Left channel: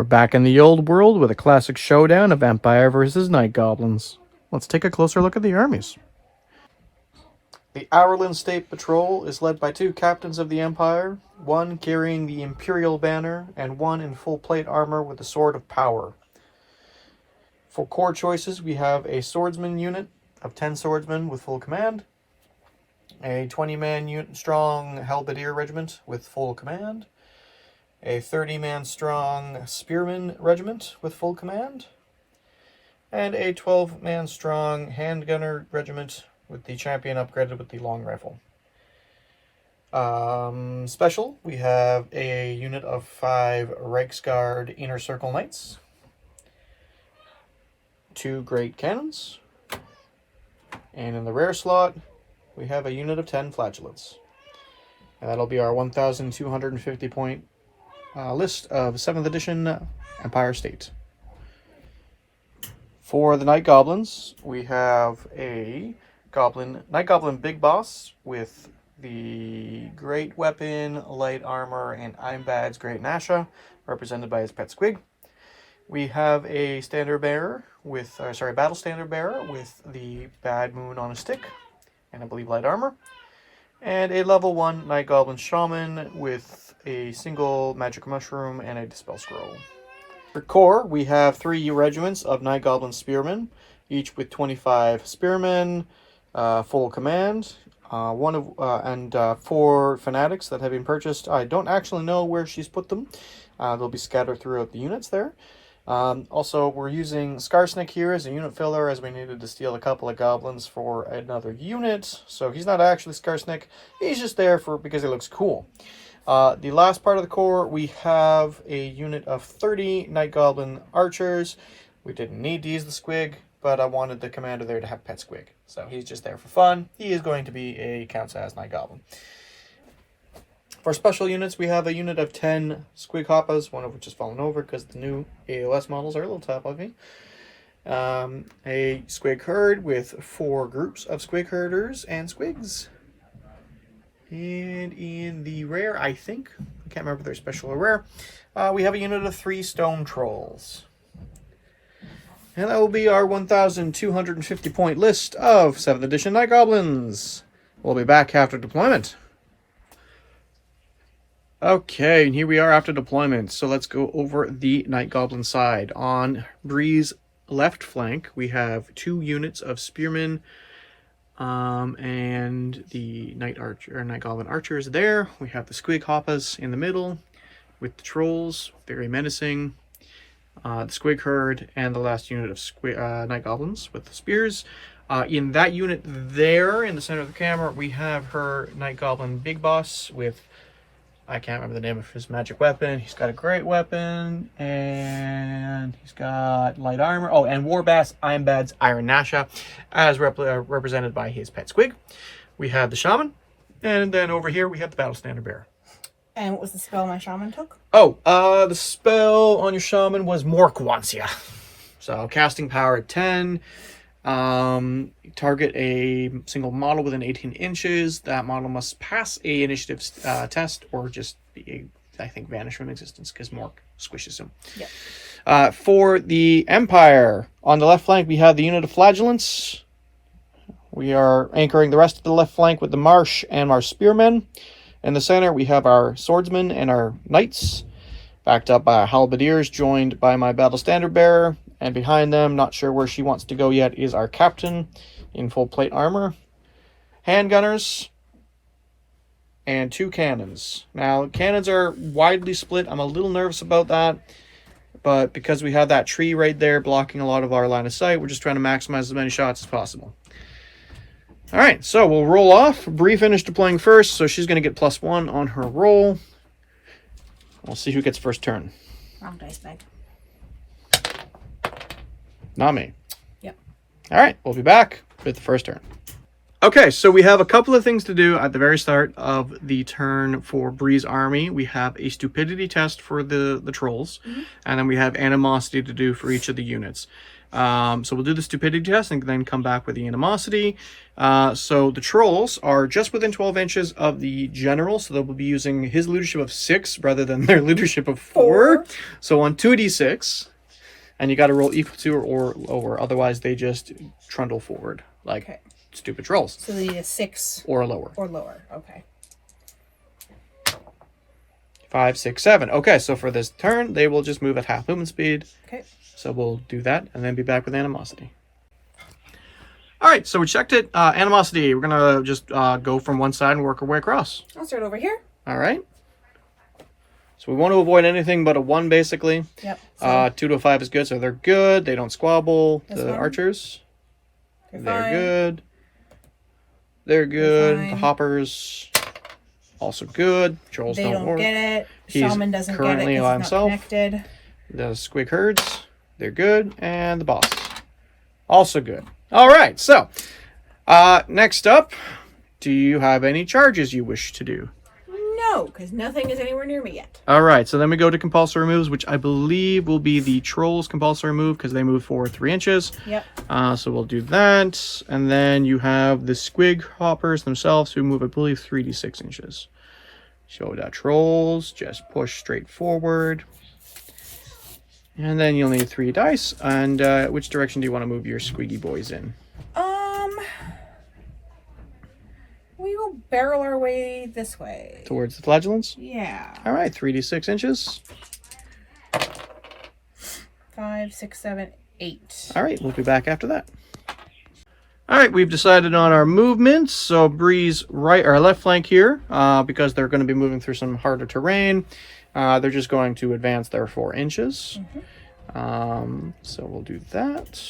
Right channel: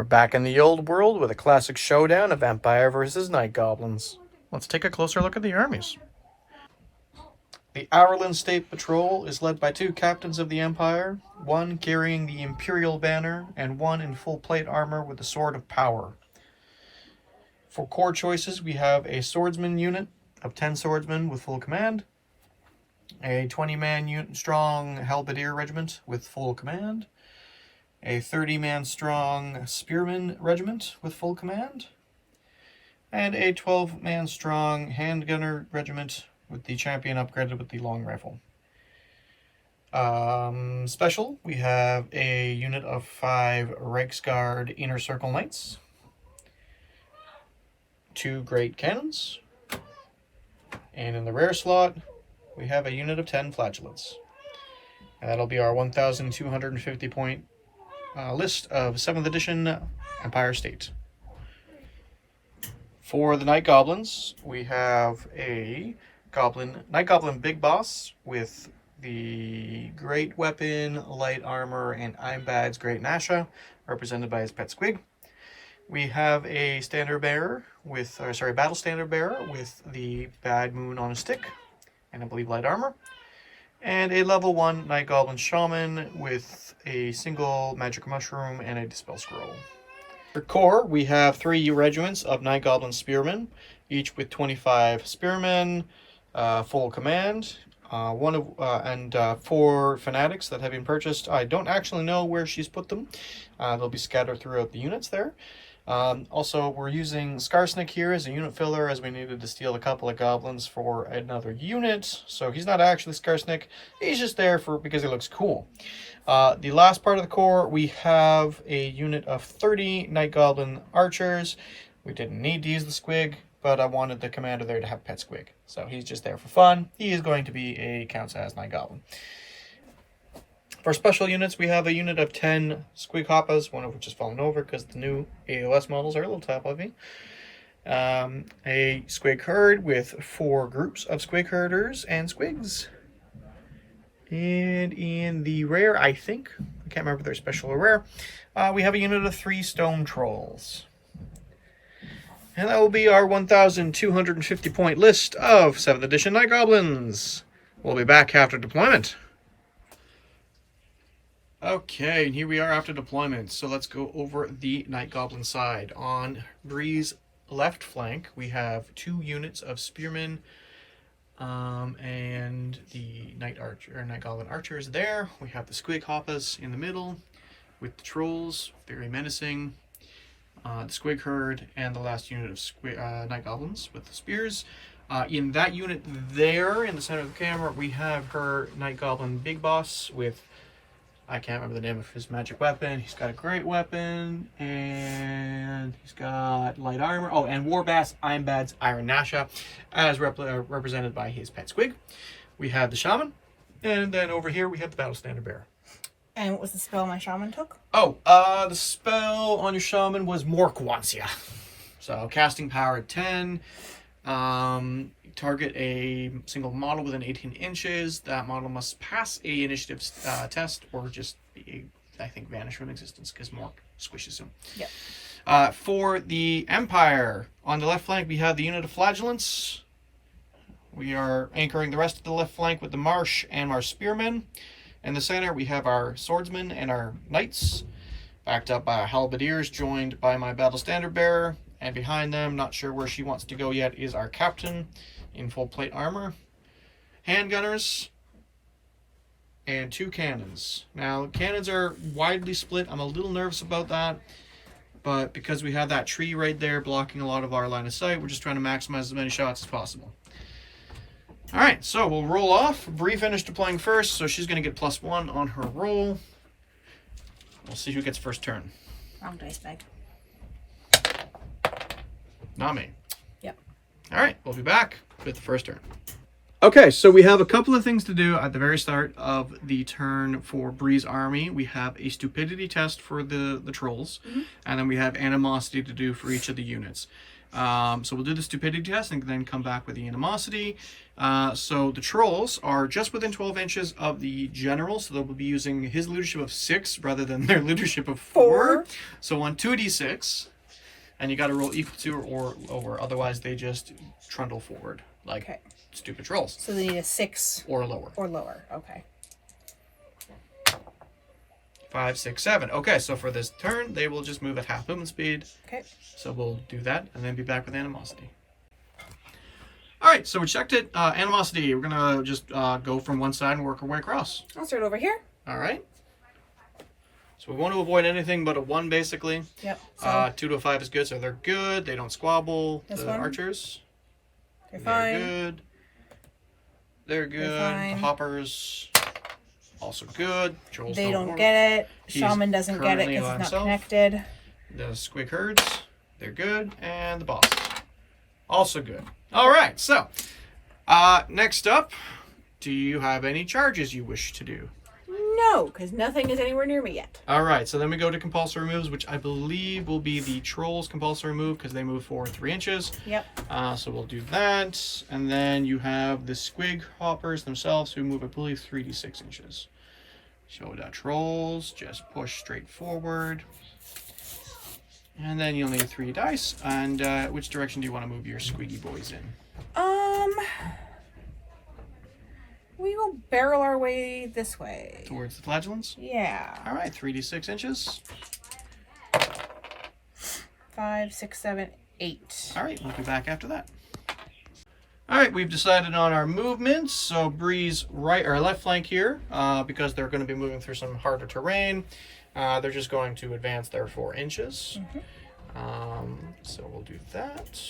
We're back in the old world with a classic showdown of Empire versus Night Goblins. Let's take a closer look at the armies. The Averland State Patrol is led by 2 captains of the Empire, one carrying the Imperial banner and one in full plate armor with the Sword of Power. For core choices, we have a swordsman unit of 10 swordsmen with full command, a 20-man strong halberdier regiment with full command, a 30-man strong spearman regiment with full command, and a 12-man strong handgunner regiment with the champion upgraded with the long rifle. Special, we have a unit of 5 Reiksguard Inner Circle Knights, 2 Great Cannons, and in the rare slot, we have a unit of 10 Flagellants. And that'll be our 1,250 point list of 7th edition Empire State. For the Night Goblins, we have a Night Goblin Big Boss with the Great Weapon, Light Armor, and Imbad's Great Nasha, represented by his pet Squig. We have a Battle Standard Bearer with the Bad Moon on a stick, and I believe Light Armor. And a level 1 Night Goblin Shaman with a single Magic Mushroom and a Dispel Scroll. For core, we have 3 regiments of Night Goblin Spearmen, each with 25 Spearmen, full command, 4 Fanatics that have been purchased. I don't actually know where she's put them. They'll be scattered throughout the units there. Also, we're using Skarsnik here as a unit filler, as we needed to steal a couple of goblins for another unit. So he's not actually Skarsnik, he's just there because he looks cool. The last part of the core, we have a unit of 30 Night Goblin Archers. We didn't need to use the Squig, but I wanted the commander there to have Pet Squig. So he's just there for fun. He is going to be counts as Night Goblin. For special units, we have a unit of 10 Squig Hoppas, one of which has fallen over because the new AOS models are a little top heavy. A Squig Herd with 4 groups of Squig Herders and Squigs. And in the rare, I can't remember if they're special or rare, we have a unit of 3 Stone Trolls. And that will be our 1,250 point list of 7th edition Night Goblins. We'll be back after deployment. Okay, and here we are after deployment. So let's go over the Night Goblin side. On Bree's left flank, we have 2 units of Spearmen and the Night Goblin Archers there. We have the Squig Hoppas in the middle with the Trolls, very menacing. The Squig Herd and the last unit of Night Goblins with the Spears. In that unit there, in the center of the camera, we have her Night Goblin Big Boss with, I can't remember the name of his magic weapon. He's got a great weapon, and he's got light armor. Oh, and Warbass Imbad's Iron Nasha, as represented by his pet Squig. We have the Shaman, and then over here we have the Battle Standard Bearer. And what was the spell my Shaman took? Oh, the spell on your Shaman was Morkwansia. So, casting power at 10. Target a single model within 18 inches. That model must pass a initiative test or just be vanish from existence because Mork squishes him. Yep. For the Empire, on the left flank we have the unit of Flagellants. We are anchoring the rest of the left flank with the Marsh and Marsh Spearmen. In the center we have our Swordsmen and our Knights, backed up by our Halberdiers, joined by my Battle Standard Bearer. And behind them, not sure where she wants to go yet, is our Captain in full plate armor, handgunners, and 2 cannons. Now, cannons are widely split. I'm a little nervous about that, but because we have that tree right there blocking a lot of our line of sight, we're just trying to maximize as many shots as possible. All right, so we'll roll off. Bree finished deploying first, so she's going to get +1 on her roll. We'll see who gets first turn. Wrong dice bag. Not me. Yep. All right, we'll be back with the first turn. Okay, so we have a couple of things to do at the very start of the turn for Bree's army. We have a stupidity test for the trolls, and then we have animosity to do for each of the units. So we'll do the stupidity test and then come back with the animosity. So the trolls are just within 12 inches of the general, so they'll be using his leadership of 6 rather than their leadership of 4. So on 2d6, and you got to roll equal to or lower, otherwise they just trundle forward like stupid trolls. So they need a 6 or lower. Or lower. Okay. 5, 6, 7. Okay, so for this turn, they will just move at half movement speed. Okay. So we'll do that and then be back with animosity. All right, so we checked it. Animosity, we're going to just go from one side and work our way across. I'll start over here. All right. So we want to avoid anything but a 1, basically. Yep. So 2 to a 5 is good, so they're good. They don't squabble. This The one? archers, they're they're fine. good. They're good. fine. The hoppers, also good. Trolls They don't work. get it. He's Shaman doesn't get it currently because by it's not himself. connected. The squig herds, they're good. And the boss, also good. All right, so next up, do you have any charges you wish to do? No, because nothing is anywhere near me yet. All right, so then we go to compulsory moves, which I believe will be the trolls' compulsory move because they move forward 3 inches. Yep. So we'll do that. And then you have the squig hoppers themselves who move, I believe, 3d6 inches. So that trolls just push straight forward. And then you'll need 3 dice. And which direction do you want to move your squiggy boys in? We will barrel our way this way. Towards the flagellants? Yeah. All right, 3d6 inches. 5, 6, 7, 8. All right, we'll be back after that. All right, we've decided on our movements. So Breeze right or left flank here, because they're going to be moving through some harder terrain. They're just going to advance their 4 inches. So we'll do that.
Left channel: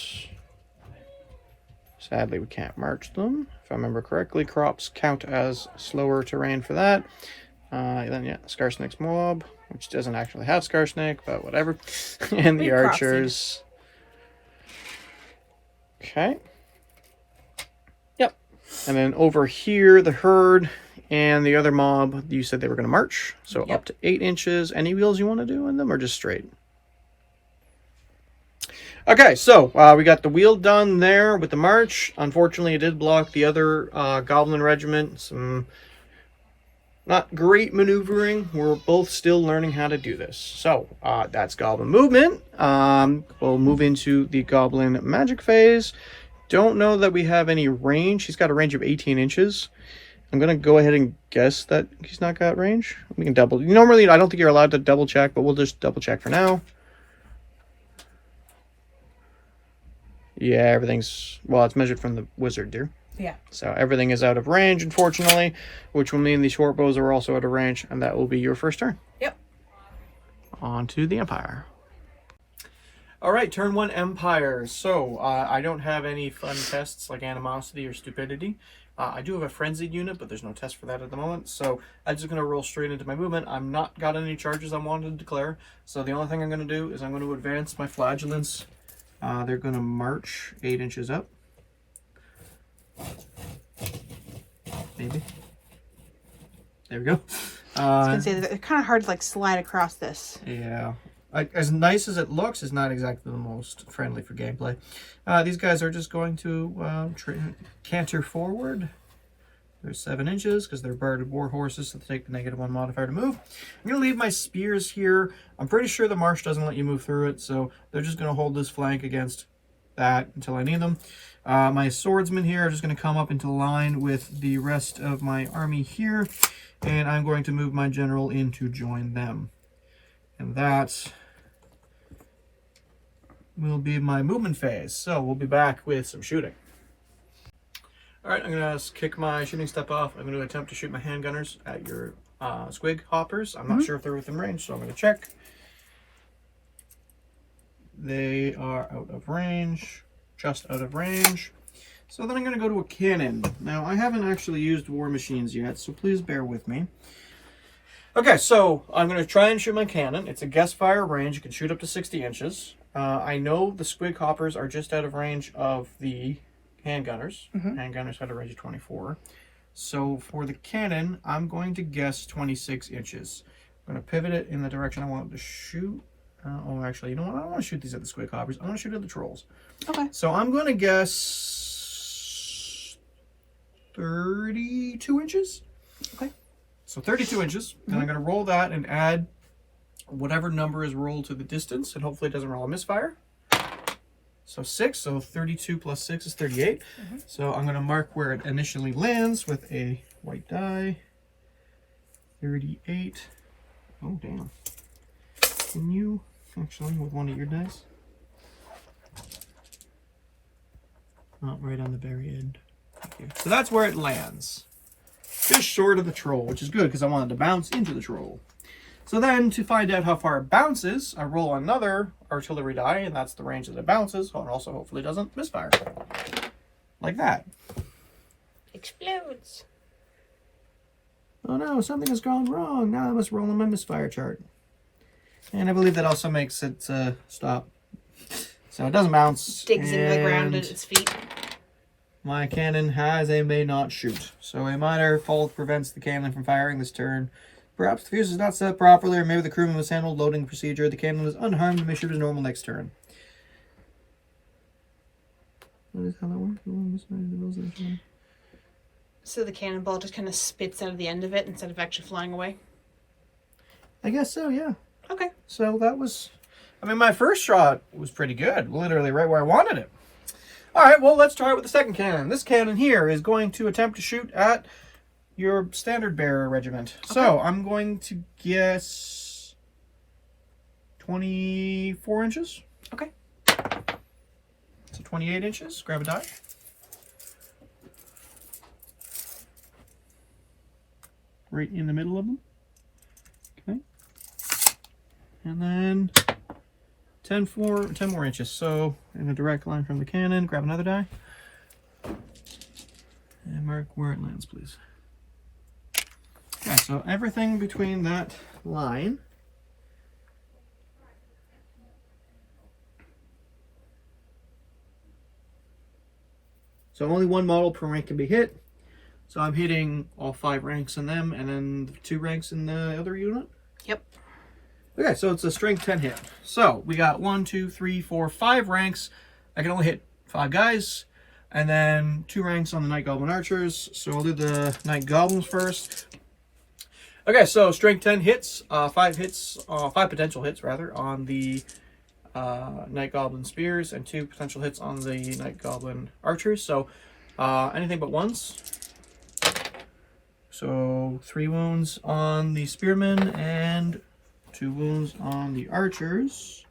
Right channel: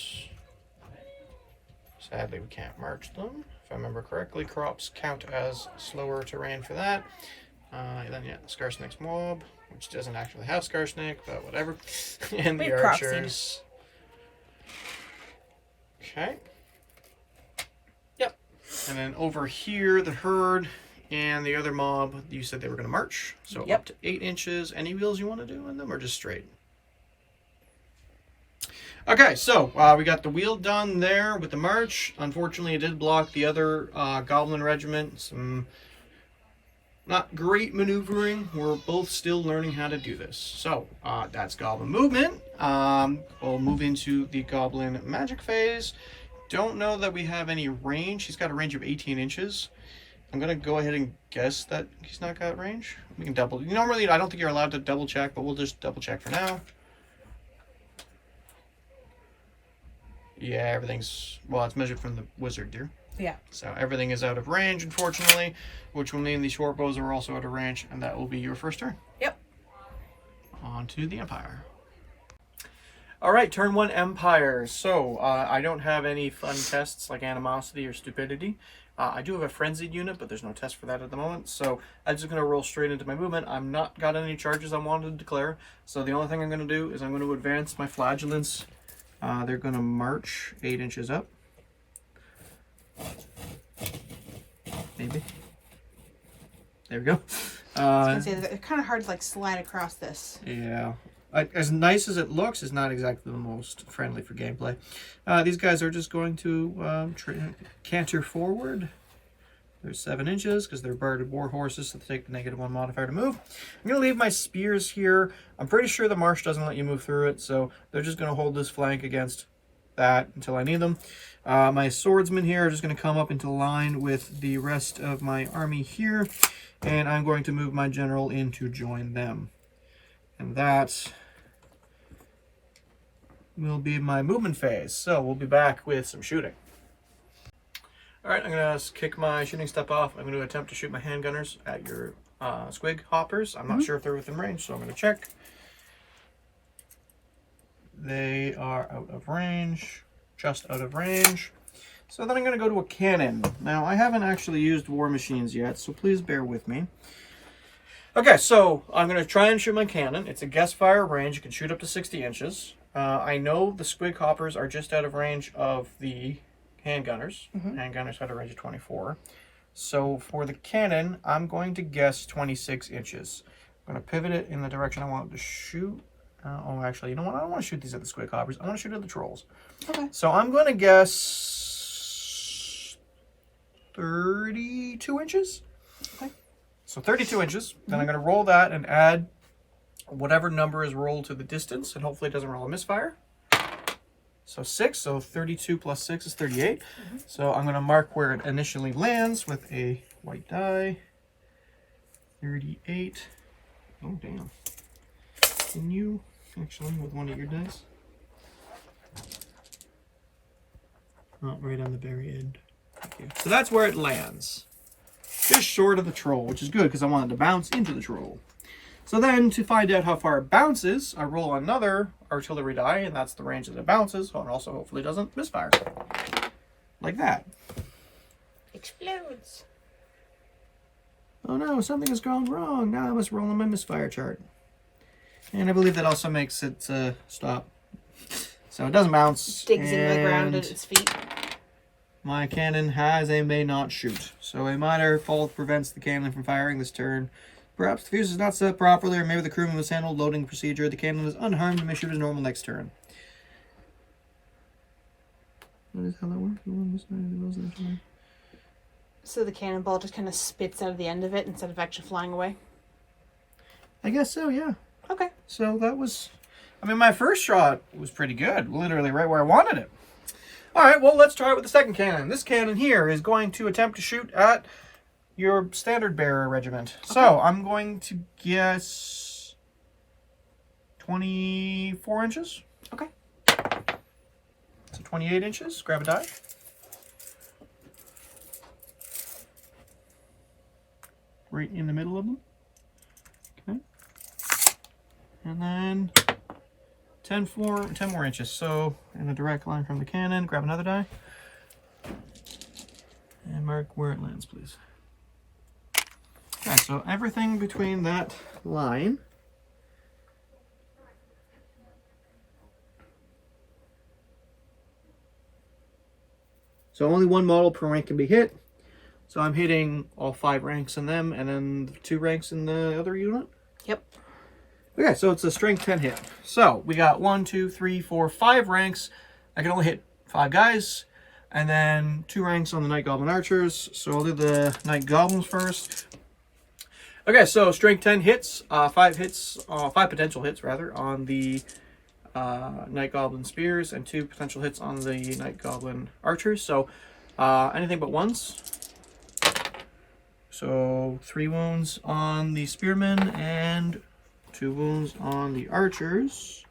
Sadly, we can't march them. If I remember correctly, crops count as slower terrain for that. Then, yeah, Scarsnake's mob, which doesn't actually have Scarsnake, but whatever. And the archers. Okay. Yep. And then over here, the herd and the other mob, you said they were going to march. So up to 8 inches. Any wheels you want to do in them or just straight? Okay, so we got the wheel done there with the march. Unfortunately, it did block the other Goblin regiment. Some not great maneuvering. We're both still learning how to do this. So that's Goblin movement. We'll move into the Goblin magic phase. Don't know that we have any range. He's got a range of 18 inches. I'm going to go ahead and guess that he's not got range. We can double. Normally, I don't think you're allowed to double check, but we'll just double check for now. Yeah, everything's, well, it's measured from the wizard, dear. Yeah. So everything is out of range, unfortunately, which will mean the short bows are also out of range, and that will be your first turn. Yep. On to the Empire. All right, turn 1 Empire. So I don't have any fun tests like animosity or stupidity. I do have a frenzied unit, but there's no test for that at the moment. So I'm just going to roll straight into my movement. I'm not got any charges I wanted to declare. So the only thing I'm going to do is I'm going to advance my flagellants. They're going to march 8 inches up. Maybe. There we go. I was going to say, they're kind of hard to like slide across this. Yeah. As nice as it looks, it's not exactly the most friendly for gameplay. These guys are just going to canter forward. They're 7 inches because they're barded war horses, so they take the -1 modifier to move. I'm going to leave my spears here. I'm pretty sure the marsh doesn't let you move through it, so they're just going to hold this flank against that until I need them. My swordsmen here are just going to come up into line with the rest of my army here, and I'm going to move my general in to join them. And that will be my movement phase. So we'll be back with some shooting. All right, I'm going to kick my shooting step off. I'm going to attempt to shoot my handgunners at your squig hoppers. I'm not sure if they're within range, so I'm going to check. They are out of range, just out of range. So then I'm going to go to a cannon. Now, I haven't actually used war machines yet, so please bear with me. Okay, so I'm going to try and shoot my cannon. It's a guess fire range. You can shoot up to 60 inches. I know the squig hoppers are just out of range of the handgunners. Handgunners had a range of 24. So for the cannon, I'm going to guess 26 inches. I'm going to pivot it in the direction I want it to shoot. Oh, actually, you know what? I don't want to shoot these at the squid coppers. I want to shoot at the trolls. Okay. So I'm going to guess 32 inches. Okay. So 32 inches. Then I'm going to roll that and add whatever number is rolled to the distance, and hopefully it doesn't roll a misfire. So 6, so 32 plus 6 is 38. So I'm going to mark where it initially lands with a white die. 38. Oh, damn. Can you, actually, with one of your dice? Oh, right on the very end. Thank you. So that's where it lands. Just short of the troll, which is good because I wanted to bounce into the troll. So then, to find out how far it bounces, I roll another artillery die, and that's the range that it bounces, and also hopefully doesn't misfire. Like that. Explodes. Oh no, something has gone wrong. Now I must roll on my misfire chart. And I believe that also makes it stop. So it doesn't bounce. Digs into the ground at its feet. My cannon has a may not shoot. So a minor fault prevents the cannon from firing this turn. Perhaps the fuse is not set properly, or maybe the crewman mishandled loading procedure. The cannon is unharmed and may shoot as normal next turn. That is how that works. So the cannonball just kind of spits out of the end of it instead of actually flying away? I guess so, yeah. Okay. So that was... I mean, my first shot was pretty good. Literally right where I wanted it. Alright, well, let's try it with the second cannon. This cannon here is going to attempt to shoot at your standard bearer regiment. Okay. So I'm going to guess 24 inches. Okay. So 28 inches. Grab a die. Right in the middle of them. Okay. And then 10 more inches. So in a direct line from the cannon, grab another die. And mark where it lands, please. Okay, so everything between that line so only one model per rank can be hit. So I'm hitting all 5 ranks in them and then 2 ranks in the other unit. Yep. Okay, so it's a strength 10 hit. So we got 1, 2, 3, 4, 5 ranks. I can only hit 5 guys. And then 2 ranks on the Night Goblin Archers. So I'll do the Night Goblins first. Okay, so strength 10 hits, 5 potential hits rather, on the Night Goblin Spears, and 2 potential hits on the Night Goblin Archers. So anything but ones. So 3 wounds on the Spearmen and 2 wounds on the Archers.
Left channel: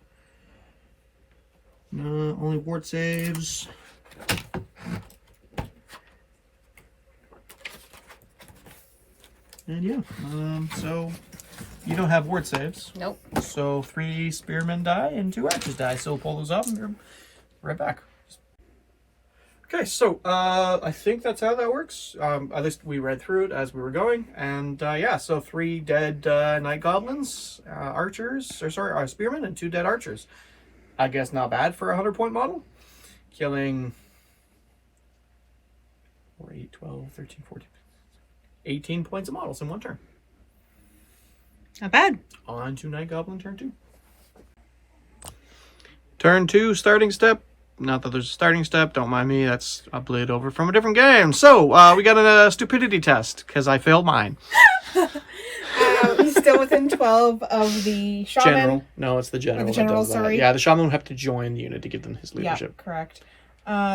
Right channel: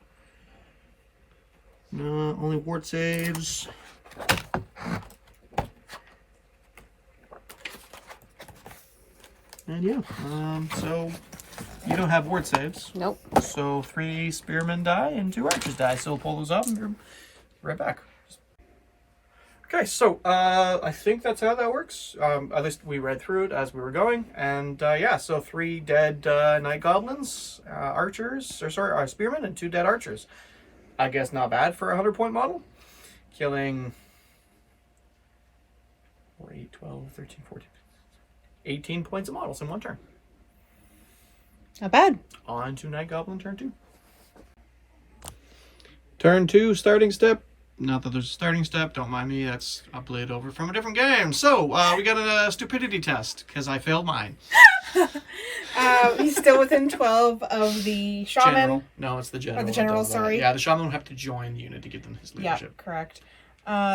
Only ward saves. And yeah, so you don't have ward saves. Nope. So 3 spearmen die and 2 archers die. So we'll pull those up and you're right back. Okay, so I think that's how that works. At least we read through it as we were going. And yeah, so 3 dead Night Goblins, spearmen, and 2 dead archers. I guess not bad for a 100-point model. Killing 4, 8, 12, 13, 14, 18 points of models in one turn. Not bad. On to Night Goblin turn 2. Turn 2, starting step. Not that there's a starting step, don't mind me. That's a blade over from a different game. So, we got a stupidity test, because I failed mine. He's still within 12 of the shaman. General. No, it's the general. Or the general, sorry. Yeah, the shaman would have to join the unit to give them his leadership. Yeah, correct.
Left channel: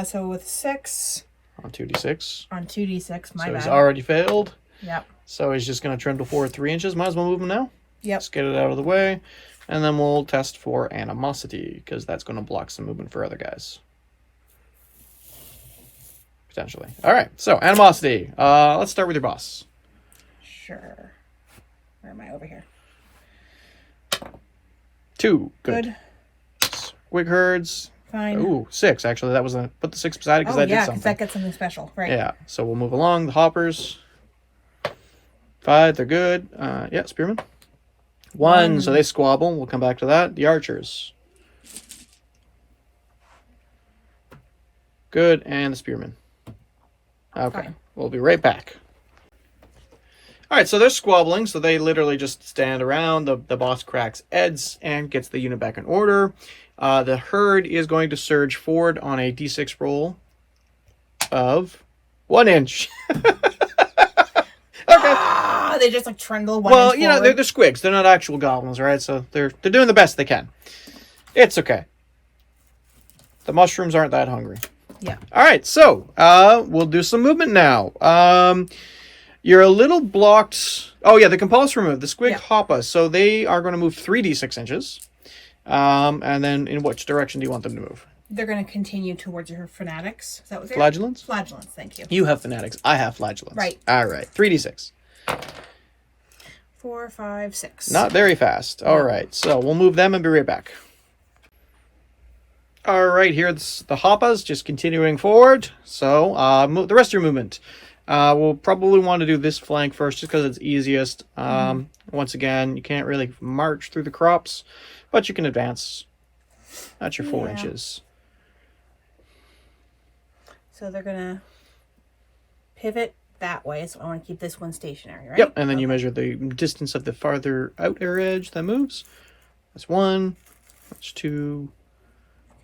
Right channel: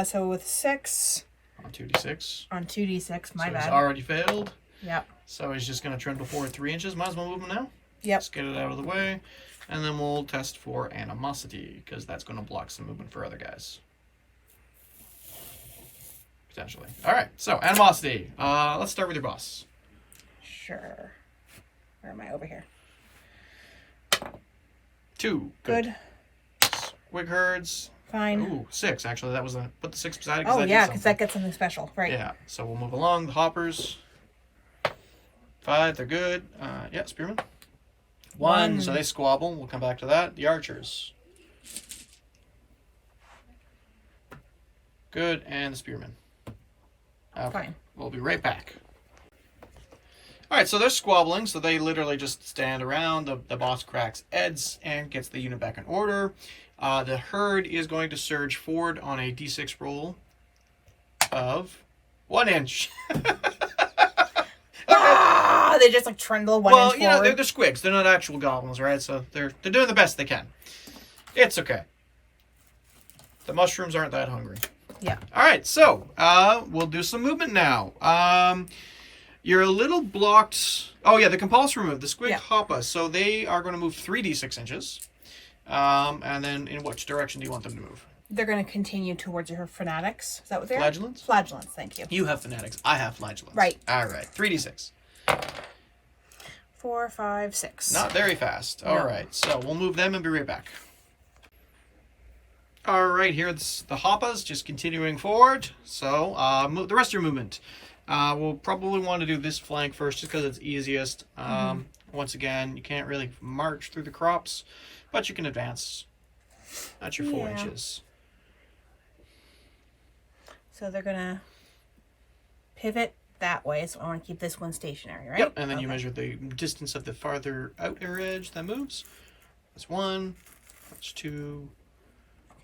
So with 6. On 2d6. On 2d6, my bad. He's already failed. Yep. So he's just going to trundle forward 3 inches. Might as well move him now. Yep. Just get it out of the way. And then we'll test for animosity, because that's going to block some movement for other guys. Potentially. Alright, so animosity. Let's start with your boss. Sure. Where am I? Over here. 2. Good. Squig herds. Fine. Ooh, 6 actually. That was put the 6 beside it because oh, yeah, because that gets something special. Right. Yeah, so we'll move along. The hoppers. 5, they're good. Yeah, spearmen. 1, so they squabble. We'll come back to that. The archers. Good, and the spearmen. Okay, Fine. we'll be right back. All right, so they're squabbling, so they literally just stand around. The boss cracks heads and gets the unit back in order. The herd is going to surge forward on a d6 roll of 1 inch. Ah, they just like trundle one inch Well, you know, forward. they're squigs. They're not actual goblins, right? So they're doing the best they can. It's okay. The mushrooms aren't that hungry. Yeah. All right, so we'll do some movement now. You're a little blocked. Oh yeah, the compulsory move, the squig hoppa. So they are going to move 3d6 inches. And then in which direction do you want them to move? They're going to continue towards your fanatics. Is that what they're? Flagellants? Flagellants, thank you. You have fanatics. I have flagellants. Right. All right, 3d6. 4, 5, 6. Not very fast. All right, so we'll move them and be right back. All right, here's the hoppas just continuing forward. So the rest of your movement. We'll probably want to do this flank first just because it's easiest. Once again, you can't really march through the crops, but you can advance. That's your 4 inches. So they're going to pivot that way. So I want to keep this one stationary, right? Yep, and then you measure the distance of the farther outer edge that moves. That's 1. That's 2.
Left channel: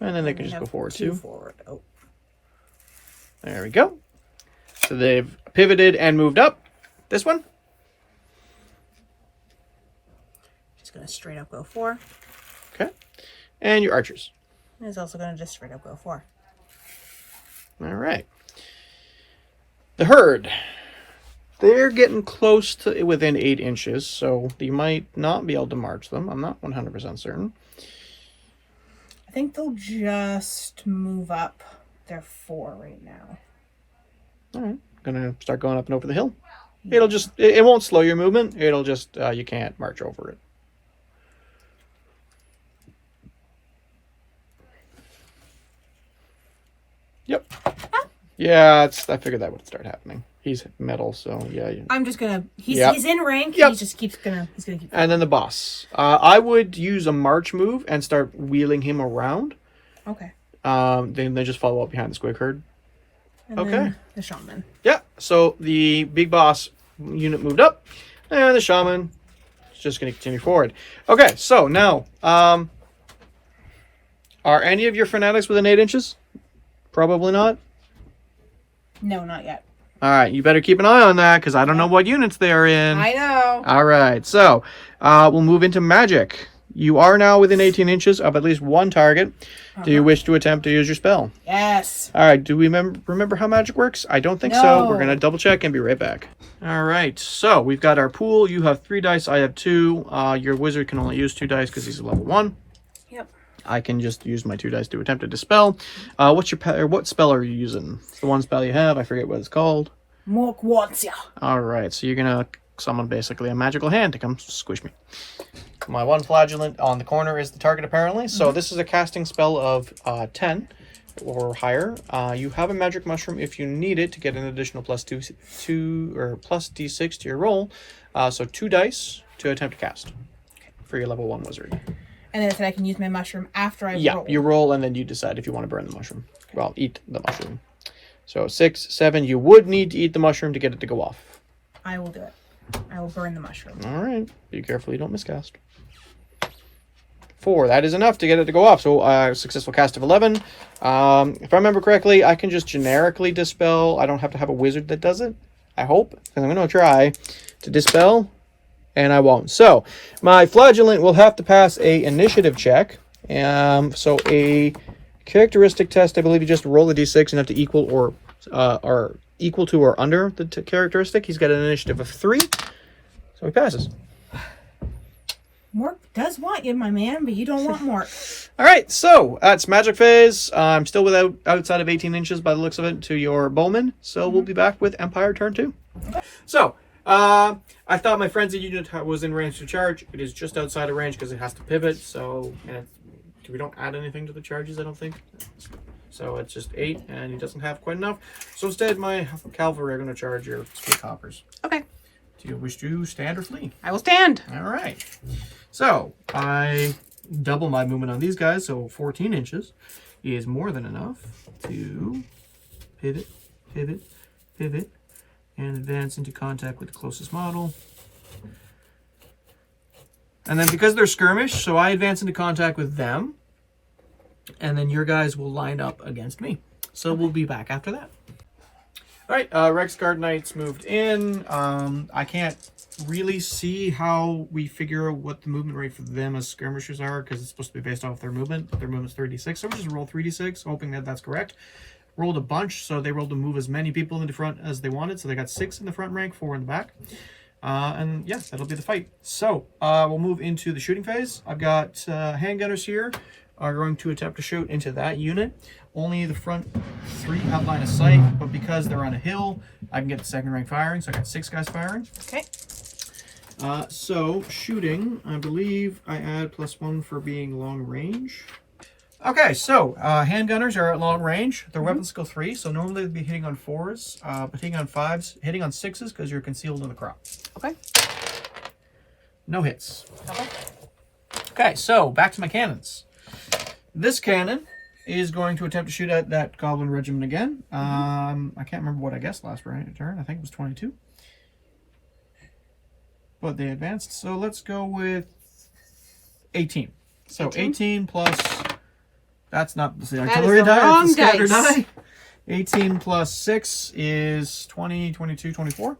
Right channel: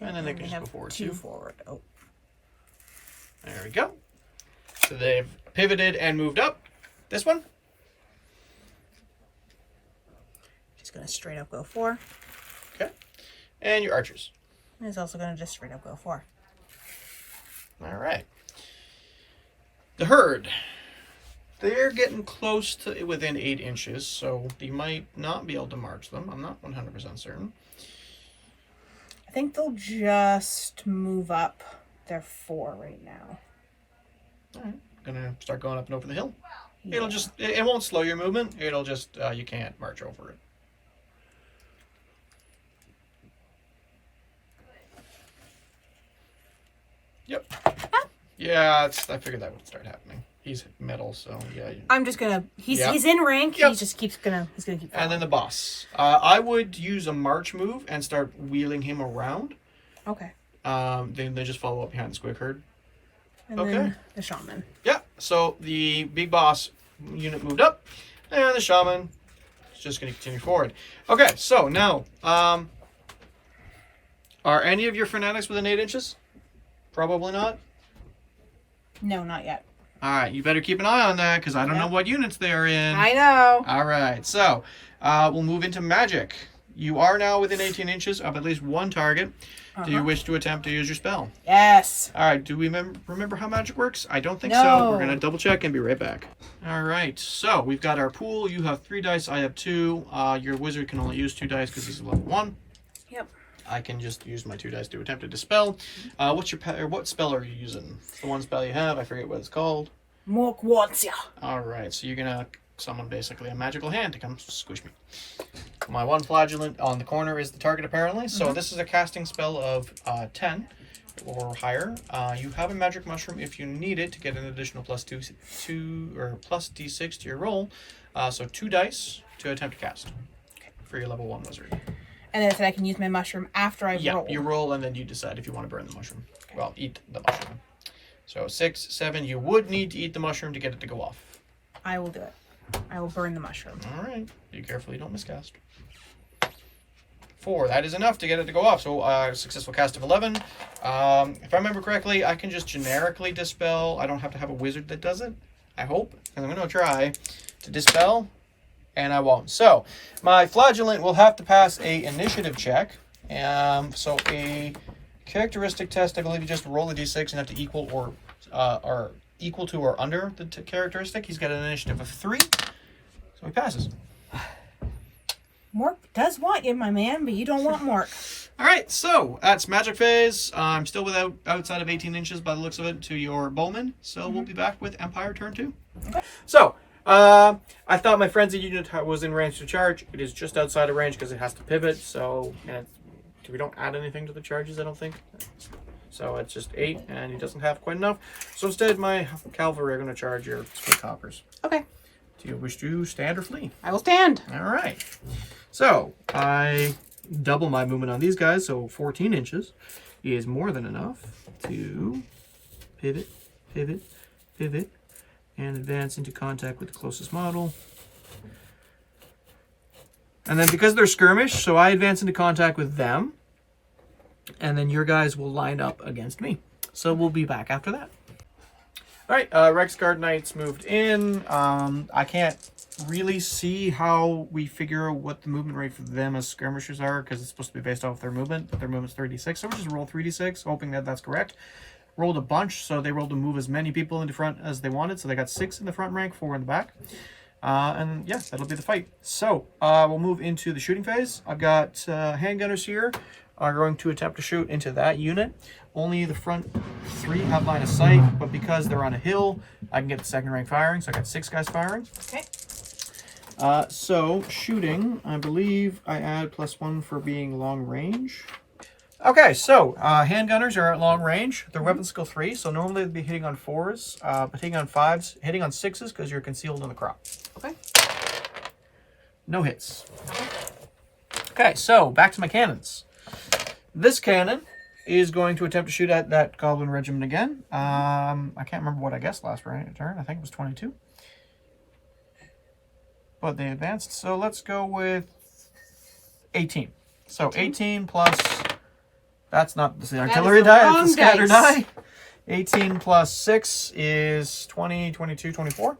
And then they can just go forward 2 too. forward. Oh. There we go. So they've pivoted and moved up. This one. Just going to straight up go 4. Okay. And your archers. And it's also going to just straight up go 4. All right. The herd. They're getting close to within 8 inches, so you might not be able to march them. I'm not 100% certain. I think they'll just move up. They're 4 right now. All right. Gonna start going up and over the hill. Yeah. It'll just, it won't slow your movement. It'll just, you can't march over it. Yep. Yeah, I figured that would start happening. He's metal, so yeah. I'm just gonna. He's in rank. Yep. He just keeps gonna. He's gonna keep. Going. And then the boss. I would use a march move and start wheeling him around. Okay. Then they just follow up behind the squig herd. And Okay. then the shaman. Yeah. So the big boss unit moved up, and the shaman is just going to continue forward. Okay. So now, are any of your fanatics within 8 inches? Probably not. No, not yet. All right. You better keep an eye on that because I don't know what units they're in. I know. All right. So we'll move into magic. You are now within 18 inches of at least one target. Do you wish to attempt to use your spell? Yes. All right. Do we remember how magic works? I don't think so. No. We're going to double check and be right back. All right. So we've got our pool. You have 3 dice. I have 2. Your wizard can only use 2 dice because he's a level 1. Yep. I can just use my 2 dice to attempt to dispel. What spell are you using? It's the one spell you have. I forget what it's called. Mork wants ya. All right. So you're going to summon basically a magical hand to come squish me. My 1 flagellant on the corner is the target, apparently. So this is a casting spell of 10 or higher. You have a magic mushroom if you need it to get an additional plus d6 to your roll. So 2 dice to attempt to cast for your level 1 wizard. And then it said I can use my mushroom after I roll. Yeah, you roll and then you decide if you want to burn the mushroom. Okay. Well, eat the mushroom. So 6, 7, you would need to eat the mushroom to get it to go off. I will do it. I will burn the mushroom. All right. Be careful you don't miscast. 4. That is enough to get it to go off. So successful cast of 11. If I remember correctly, I can just generically dispel. I don't have to have a wizard that does it. I hope. And I'm going to try to dispel. And I won't. So my flagellant will have to pass a initiative check. So a characteristic test, I believe you just roll a d6 and have to equal or equal to or under the characteristic. He's got an initiative of 3. So he passes. Mork does want you, my man, but you don't want Mork. All right, so that's magic phase. I'm still outside of 18 inches by the looks of it to your bowman. So we'll be back with Empire turn 2. Okay. So I thought my frenzy unit was in range to charge. It is just outside of range because it has to pivot. So we don't add anything to the charges, I don't think. So it's just 8, and he doesn't have quite enough. So instead, my cavalry are going to charge your split hoppers. Okay. Do you wish to stand or flee? I will stand. All right. So I double my movement on these guys, so 14 inches is more than enough to pivot, pivot, pivot, and advance into contact with the closest model. And then because they're skirmish, so I advance into contact with them. And then your guys will line up against me. So we'll be back after that. All right, Rex Guard Knights moved in. I can't really see how we figure what the movement rate for them as skirmishers are, because it's supposed to be based off their movement, but their movement's 3d6. So we'll just roll 3d6, hoping that that's correct. Rolled a bunch, so they rolled to move as many people into front as they wanted. So they got 6 in the front rank, 4 in the back. And yeah, that'll be the fight. So we'll move into the shooting phase. I've got handgunners here are going to attempt to shoot into that unit. Only the front 3 have line of sight, but because they're on a hill, I can get the second rank firing. So I got 6 guys firing. Okay. So shooting, I believe I add +1 for being long range. Okay, so handgunners are at long range. Their weapon skill 3, so normally they'd be hitting on 4s, but hitting on 5s, hitting on 6s because you're concealed in the crop. Okay. No hits. Okay. Okay, so back to my cannons. This cannon is going to attempt to shoot at that Goblin Regiment again. I can't remember what I guessed last turn. I think it was 22. But they advanced, so let's go with 18. So 18 plus... That's not the artillery die, it's the scatter die. 18 plus 6 is 20, 22, 24.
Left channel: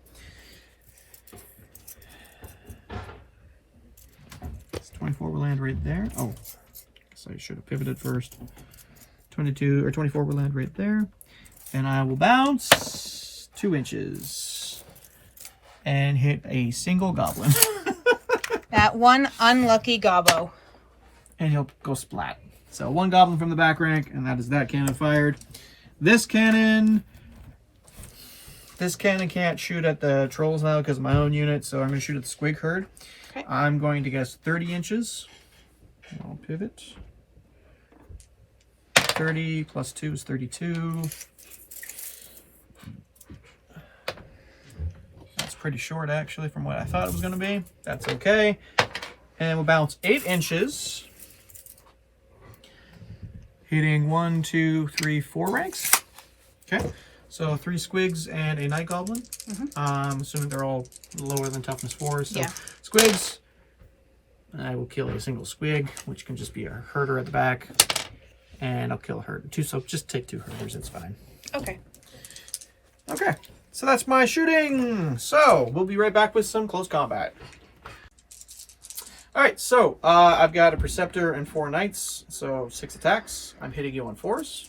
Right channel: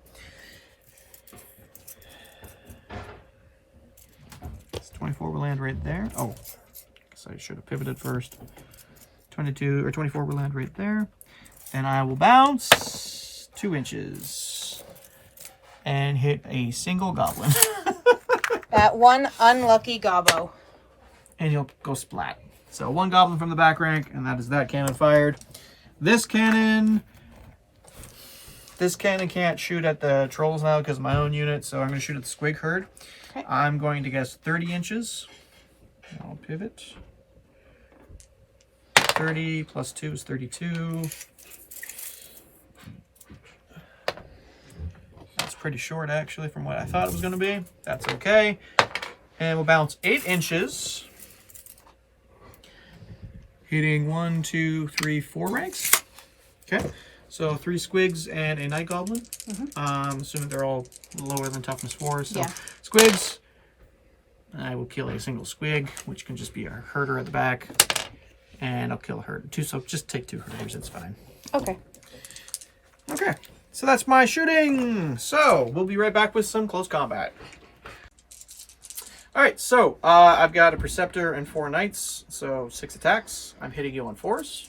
It's 24 will land right there. Oh, guess I should have pivoted first. 22 or 24 will land right there. And I will bounce 2 inches and hit a single goblin. That one unlucky gobbo. And he'll go splat. So 1 goblin from the back rank, and that is that cannon fired. This cannon can't shoot at the trolls now because of my own unit, so I'm going to shoot at the squig herd. Okay. I'm going to guess 30 inches. I'll pivot. 30 plus 2 is 32. That's pretty short, actually, from what I thought it was going to be. That's okay. And we'll bounce 8 inches. Hitting 1, 2, 3, 4 ranks. Okay, so 3 squigs and a Night Goblin. Assuming they're all lower than toughness 4. So yeah. Squigs. I will kill a single squig, which can just be a herder at the back. And I'll kill a herder too, so just take 2 herders, it's fine. Okay. Okay, so that's my shooting. So we'll be right back with some close combat. All right, so I've got a Preceptor and 4 Knights, so 6 attacks. I'm hitting you on 4s.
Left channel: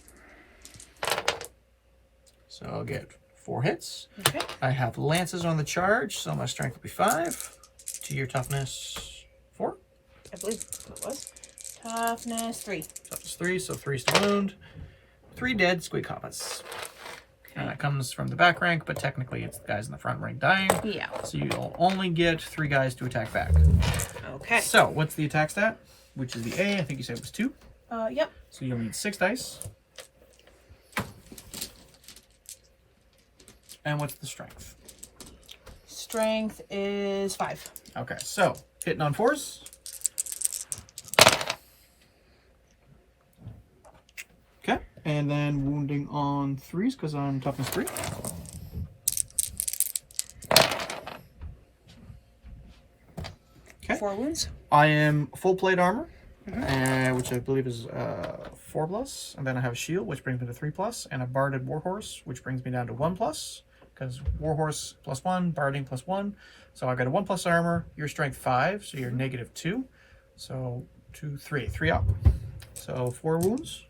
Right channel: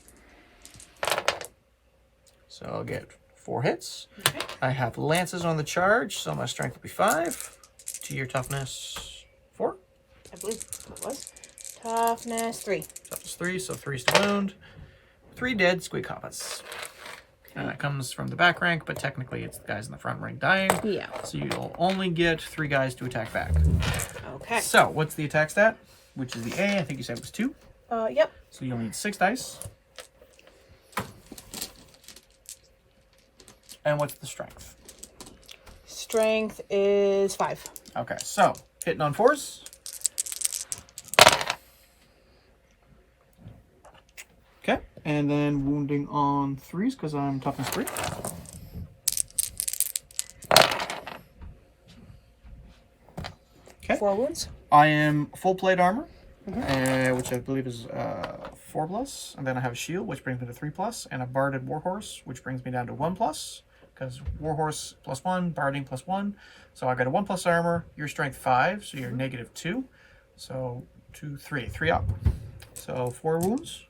So I'll get 4 hits. Okay. I have Lances on the charge, so my strength will be 5. To your toughness, 4. I believe it was. Toughness 3. Toughness 3, so 3's to wound. 3 dead squig hobbits. And that comes from the back rank, but technically it's the guys in the front rank dying. Yeah. So you'll only get 3 guys to attack back. Okay. So what's the attack stat? Which is the A, I think you said it was 2. Yep. So you'll need 6 dice. And what's the strength? Strength is 5. Okay, so hitting on 4s. Okay, and then wounding on 3s because I'm toughness 3. Okay. 4 wounds. I am full plate armor, which I believe is 4+, and then I have a shield, which brings me to 3+, and a barded warhorse, which brings me down to 1+, because warhorse +1, barding +1. So I got a 1+ armor. Your strength 5, so you're -2. So 2, 3 up. So 4 wounds.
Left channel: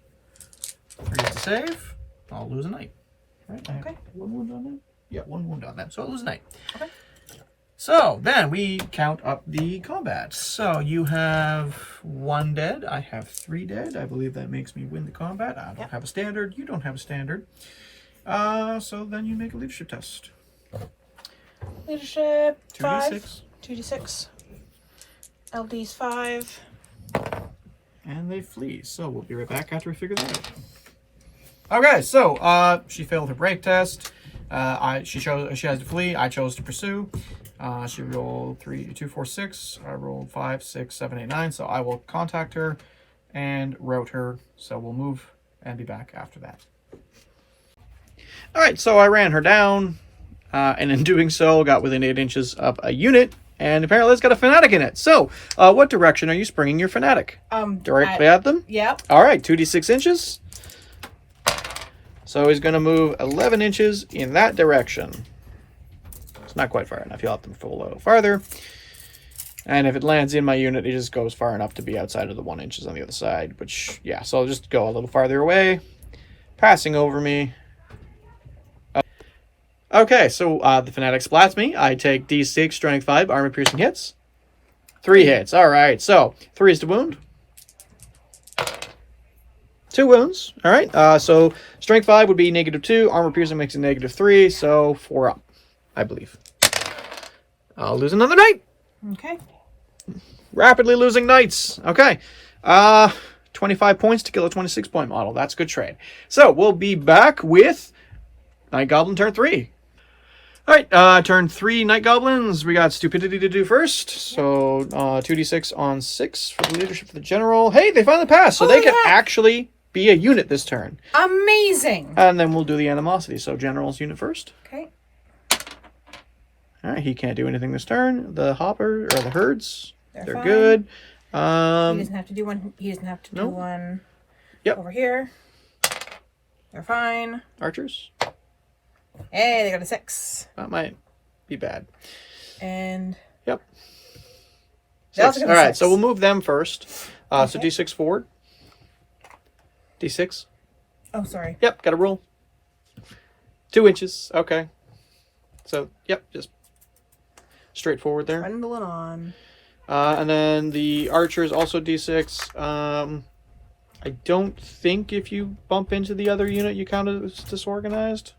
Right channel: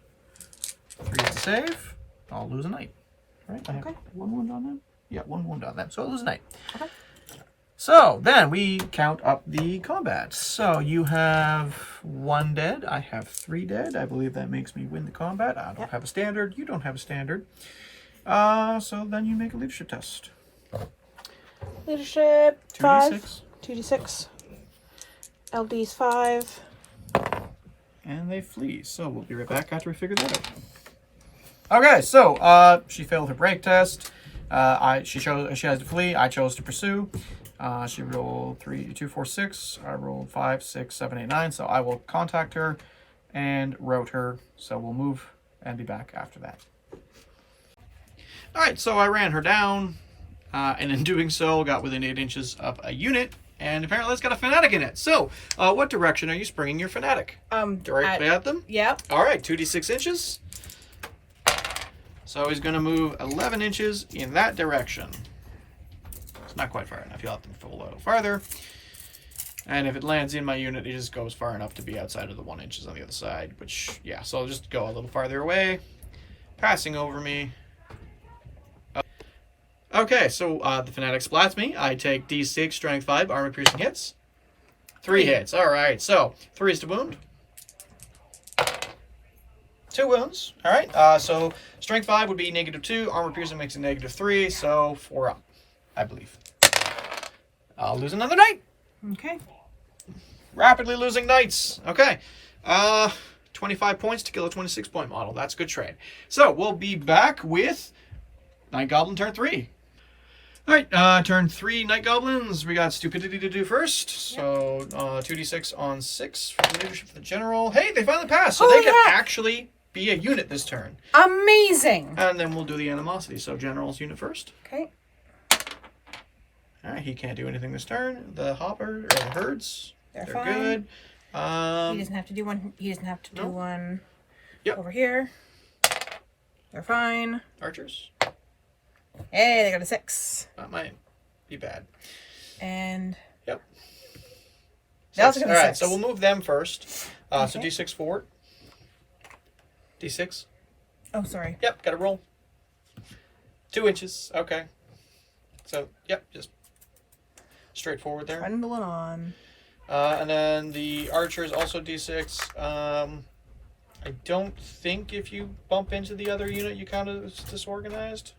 3 is a save. I'll lose a knight. Right? I have 1 wound on them. Yeah, 1 wound on them. So I'll lose a knight. Okay. So then we count up the combat. So you have 1 dead. I have 3 dead. I believe that makes me win the combat. I don't have a standard. You don't have a standard. So then you make a leadership test. Leadership 5. 2d6. 2d6. LD's 5. And they flee. So we'll be right back after we figure that out. Okay, so she failed her break test. She has to flee. I chose to pursue. She rolled 3, 2, 4, 6. I rolled 5, 6, 7, 8, 9. So I will contact her and route her. So we'll move and be back after that. All right, so I ran her down. and in doing so, got within 8 inches of a unit, and apparently it's got a fanatic in it. So, what direction are you springing your fanatic? Directly at them? Yep. All right, 2d6 inches. So he's going to move 11 inches in that direction. It's not quite far enough. You'll have to move a little farther. And if it lands in my unit, it just goes far enough to be outside of the 1 inches on the other side. Which, yeah, so I'll just go a little farther away. Passing over me. Okay, so the fanatic splats me. I take d6, strength 5, armor piercing hits. 3 hits. All right, so 3 is to wound. 2 wounds. All right, so strength 5 would be -2. Armor piercing makes it -3, so 4 up, I believe. I'll lose another knight. Okay. Rapidly losing knights. Okay. 25 points to kill a 26-point model. That's a good trade. So we'll be back with Night Goblin turn 3. All right, turn 3 Night Goblins. We got stupidity to do first. So 2d6 on 6 for the leadership of the general. Hey, they finally passed, so they can actually be a unit this turn. Amazing. And then we'll do the animosity. So general's unit first. Okay. All right, he can't do anything this turn. The hopper or the herds, they're fine. good. He doesn't have to do one. He doesn't have to do one. Yep. Over here. They're fine. Archers. Hey, they got a 6. That might be bad. And yep. They also got a All right, 6. so we'll move them first. So Okay. d6 forward. d6. Oh, sorry. Yep, got a roll. 2 inches. Okay. So yep, just straightforward there. Trundling on. And then the archers also d6. I don't think if you bump into the other unit, you count it as disorganized.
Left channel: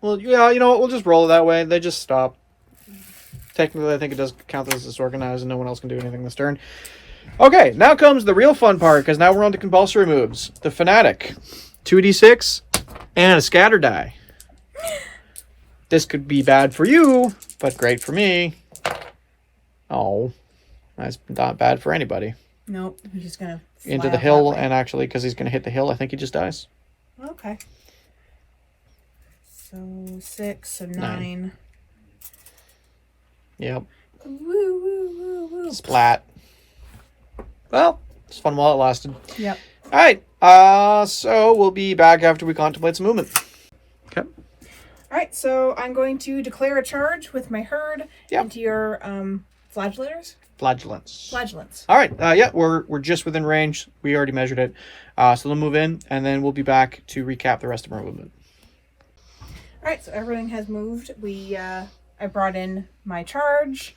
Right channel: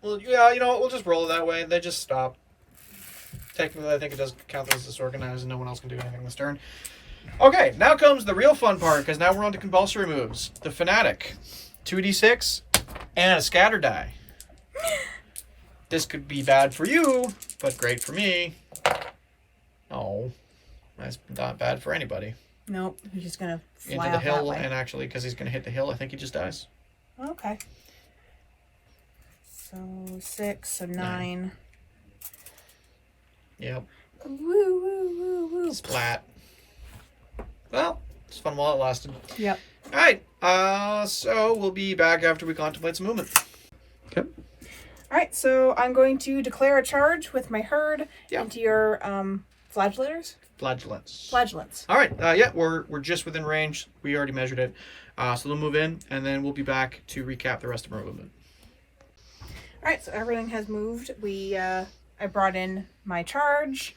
Well, yeah, you know what? We'll just roll it that way. They just stop. Technically, I think it does count as disorganized, and no one else can do anything this turn. Okay, now comes the real fun part, because now we're on to compulsory moves. The Fanatic. 2d6 and a scatter die. This could be bad for you, but great for me. Oh, that's not bad for anybody. Nope, he's just gonna fly Into the out hill, that way. and actually, because he's going to hit the hill, I think he just dies. Okay. So 6, so 9. Yep. Woo, woo, woo, woo. Splat. Well, it's fun while it lasted. Yep. All right. So we'll be back after we contemplate some movement. Okay. All right, so I'm going to declare a charge with my herd Yep. into your flagellators. Flagellants. Flagellants. All right. Yeah, we're just within range. We already measured it. So they'll move in, and then we'll be back to recap the rest of our movement. All right, so everything has moved. I brought in my charge.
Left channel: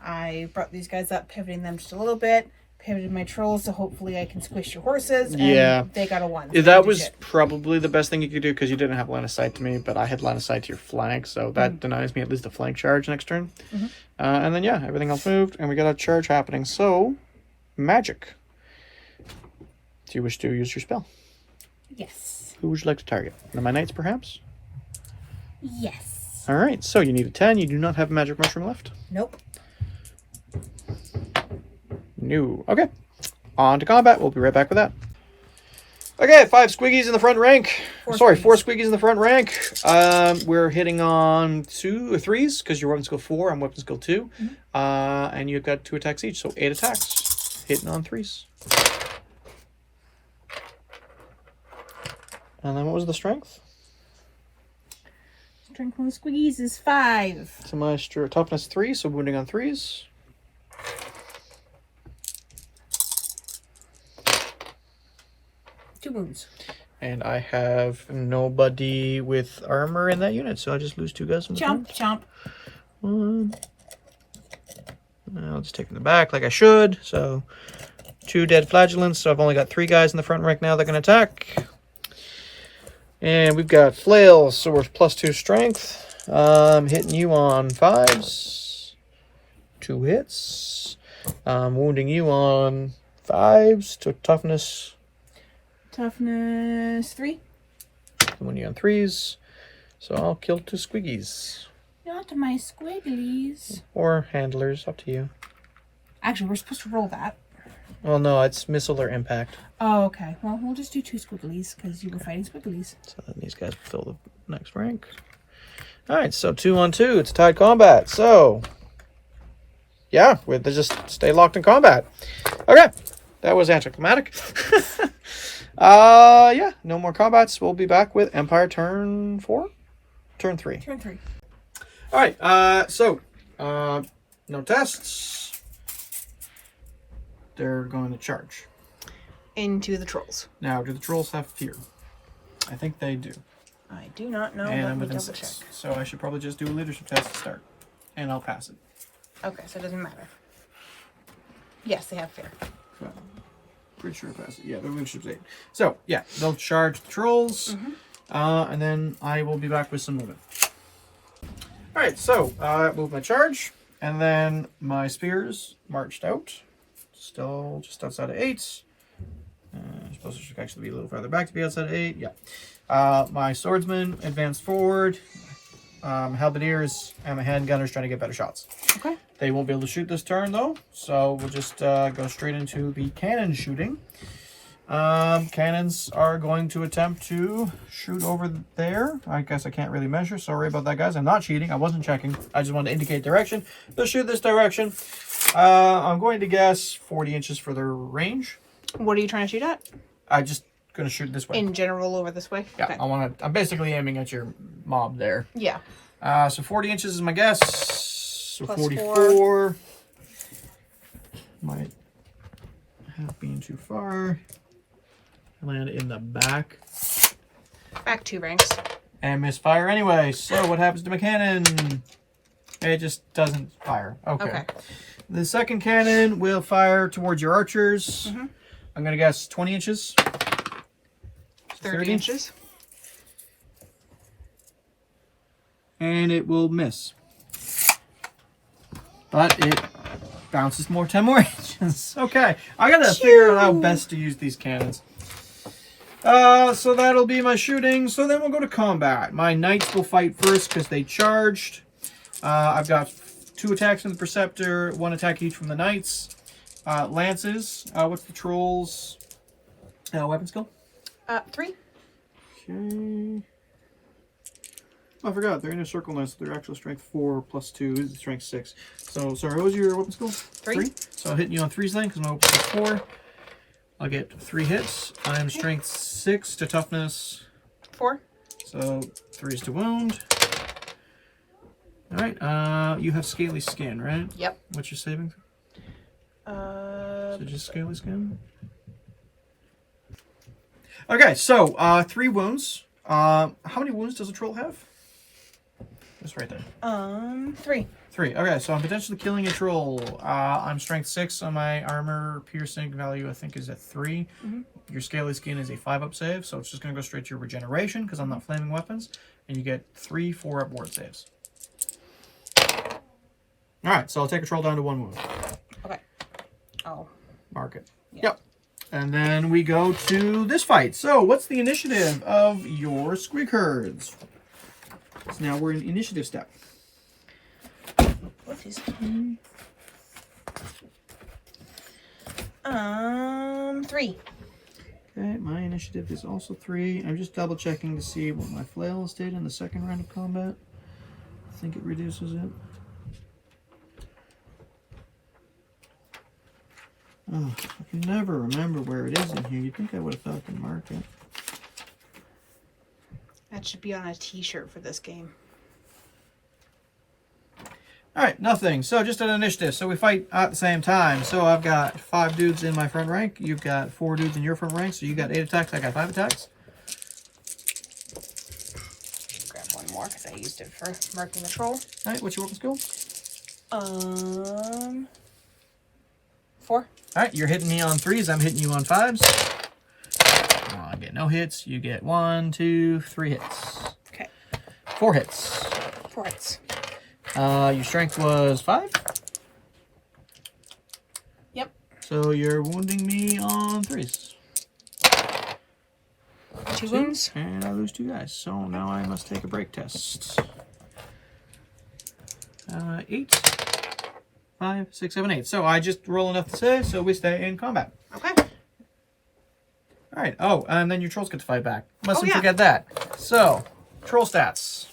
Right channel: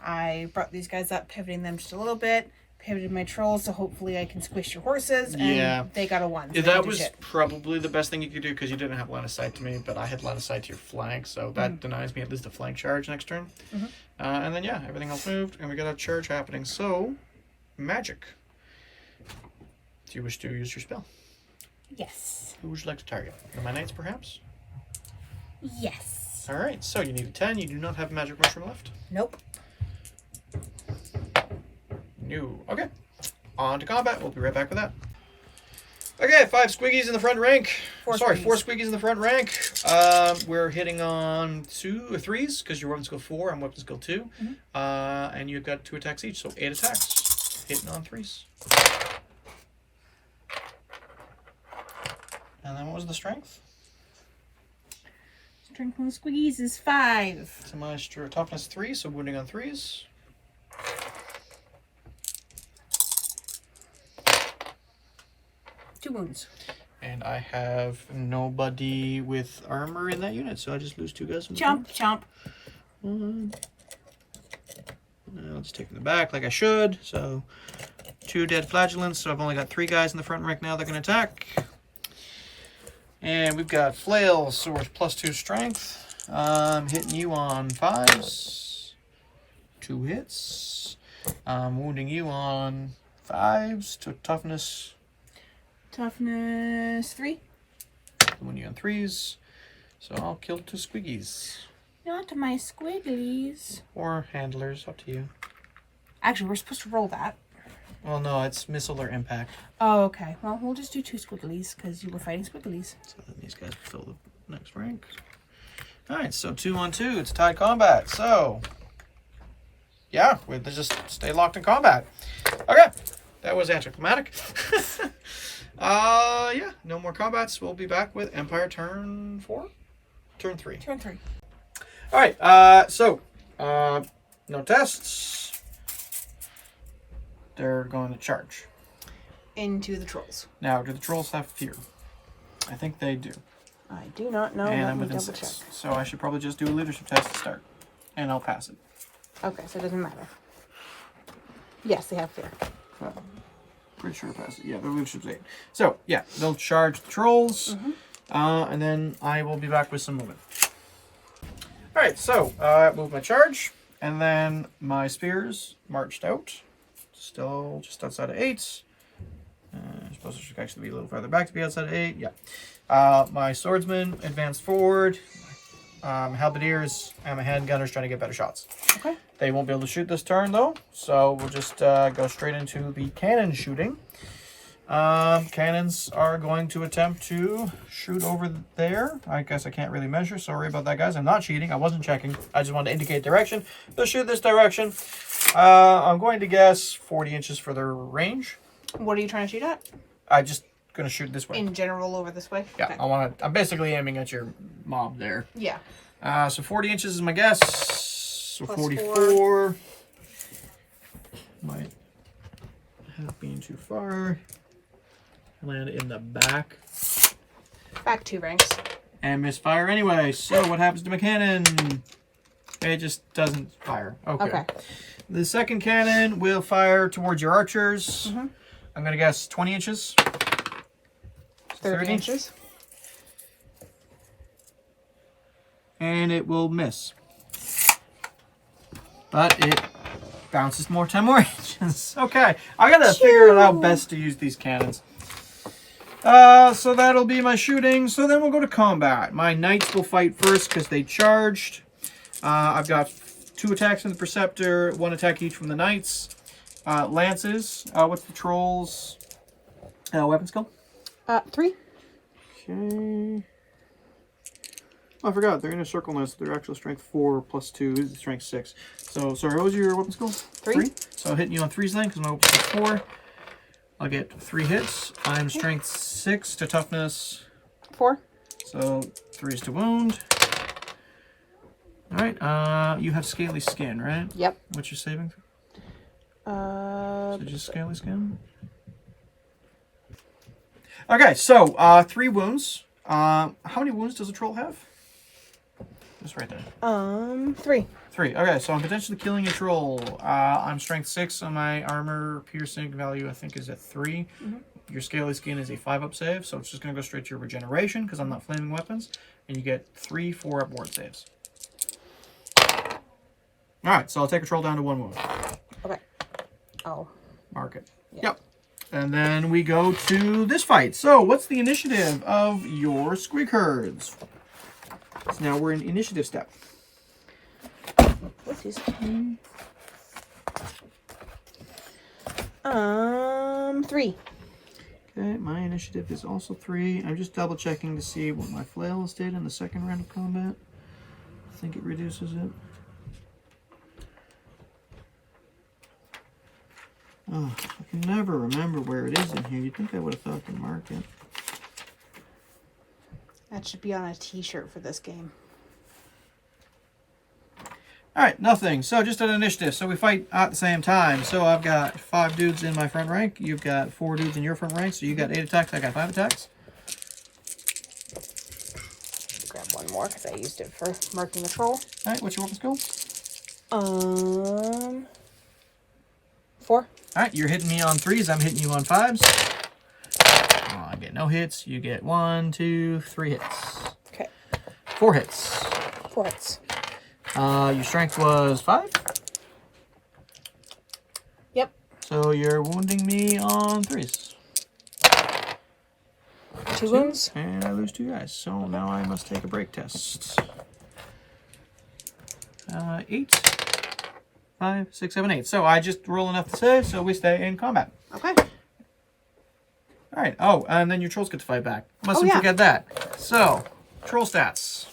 I brought these guys up, pivoting them just a little bit. Pivoted my trolls, so hopefully I can squish your horses. And Yeah. they got a 1. So Yeah, they that didn't do was shit. probably the best thing you could do because you didn't have line of sight to me, but I had line of sight to your flank, so that denies me at least a flank charge next turn. And then, yeah, everything else moved, and we got a charge happening. So, magic. Do you wish to use your spell? Yes. Who would you like to target? One of my knights, perhaps? Yes. All right, so you need a 10. You do not have a magic mushroom left? Nope. No. Okay. On to combat. We'll be right back with that. Okay, 5 squiggies in the front rank. 4 4 squiggies. squiggies in the front rank. We're hitting on 2 or 3s because your weapon skill 4, I'm weapon skill 2. And you've got 2 attacks each, so 8 attacks. Hitting on 3s. And then what was the strength? Strength from the squeeze is 5. So my toughness 3, so wounding on 3s. Two wounds. And I have nobody with armor in that unit, so I just lose 2 guys. Chomp, chomp. One. I'll just take them back like I should. So 2 dead flagellants. So I've only got 3 guys in the front rank now that can attack. And we've got flails, so we're +2 strength. Hitting you on 5s. 2 hits. Wounding you on 5s to toughness. Toughness 3. Wounding you on 3s. So I'll kill 2 squiggies. Not my squigglies. Or handlers, up to you. Actually, we're supposed to roll that. Well, no, it's missile or impact. Oh, okay. Well, we'll just do 2 squigglies because you were fighting squigglies. So then these guys fill the next rank. All right, so 2-on-2. It's tied combat. So, yeah, they just stay locked in combat. Okay, that was anticlimactic. Yeah, no more combats. We'll be back with Empire turn 4? Turn 3. Turn 3. All right, so, no tests. They're going to charge. Into the trolls. Now, do the trolls have fear? I think they do. I do not know. And I'm within 6. So I should probably just do a leadership test to start. And I'll pass it. Okay, so it doesn't matter. Yes, they have fear. Pretty sure I pass it. Yeah, the leadership's 8. So, yeah, they'll charge the trolls. And then I will be back with some movement. Alright, so I moved my charge. And then my spears marched out. Still just outside of 8. I suppose I should actually be a little farther back to be outside of 8. Yeah. My swordsman advanced forward. Halberdiers and my handgunners trying to get better shots. Okay. They won't be able to shoot this turn though, so we'll just go straight into the cannon shooting. Cannons are going to attempt to shoot over there. I guess I can't really measure. Sorry about that, guys. I'm not cheating. I wasn't checking. I just wanted to indicate direction. They'll shoot this direction. I'm going to guess 40 inches for their range. What are you trying to shoot at? I just gonna shoot this way. In general, over this way? Yeah, Okay. I'm basically aiming at your mob there. Yeah. So 40 inches is my guess. So Plus 44. Might have been too far. Land in the back. Back 2 ranks. And misfire anyway. So what happens to my cannon? It just doesn't fire. Okay. The second cannon will fire towards your archers. I'm gonna guess 20 inches. 30 inches. And it will miss. But it bounces 10 more inches. Okay, I gotta figure out how best to use these cannons. So that'll be my shooting. So then we'll go to combat. My knights will fight first because they charged. I've got 2 attacks from the Preceptor, 1 attack each from the knights. Lances. What's the trolls' weapon skill? 3. Okay. Oh, I forgot. They're in a circle now, so their actual strength 4 plus 2 is strength 6. So, sorry, what was your weapon skill? 3. So hitting you on 3s then, because my weapon is 4. I'll get 3 hits. I'm strength 6 to toughness 4. So 3s to wound. Alright, you have scaly skin, right? Yep. What's your saving? So just scaly skin? Okay, so 3 wounds. How many wounds does a troll have? Just right there. 3. 3. Okay, so I'm potentially killing a troll. I'm strength 6 on my armor piercing value, I think, is at 3. Your scaly skin is a 5-up save, so it's just going to go straight to your regeneration because I'm not flaming weapons. And you get 3 4-up ward saves. Alright, so I'll take a troll down to 1 wound. Okay. Oh. Mark it. Yeah. Yep. And then we go to this fight. So, what's the initiative of your squig herds? So now we're in initiative step. What's his 3. Okay, my initiative is also 3. I'm just double checking to see what my flail did in the second round of combat. I think it reduces it. Oh, I can never remember where it is in here. You'd think I would have thought to mark it. That should be on a t-shirt for this game. Alright, nothing. So just an initiative. So we fight at the same time. So I've got 5 dudes in my front rank. You've got 4 dudes in your front rank. So you got 8 attacks. I got 5 attacks. Grab one more because I used it for marking the troll. Alright, what's your weapon skill? 4. Alright, you're hitting me on 3s. I'm hitting you on 5s. Oh, I get no hits. You get 1, 2, 3 hits. Okay. 4 hits. 4 hits. Your strength was 5? Yep. So you're wounding me on 3s. 2 wounds. And I lose 2 guys. So now I must take a break test. 8. 5, 6, 7, 8. So I just roll enough to save, so we stay in combat. Okay. All right. Oh, and then your trolls get to fight back. Mustn't yeah. forget that. So, troll stats.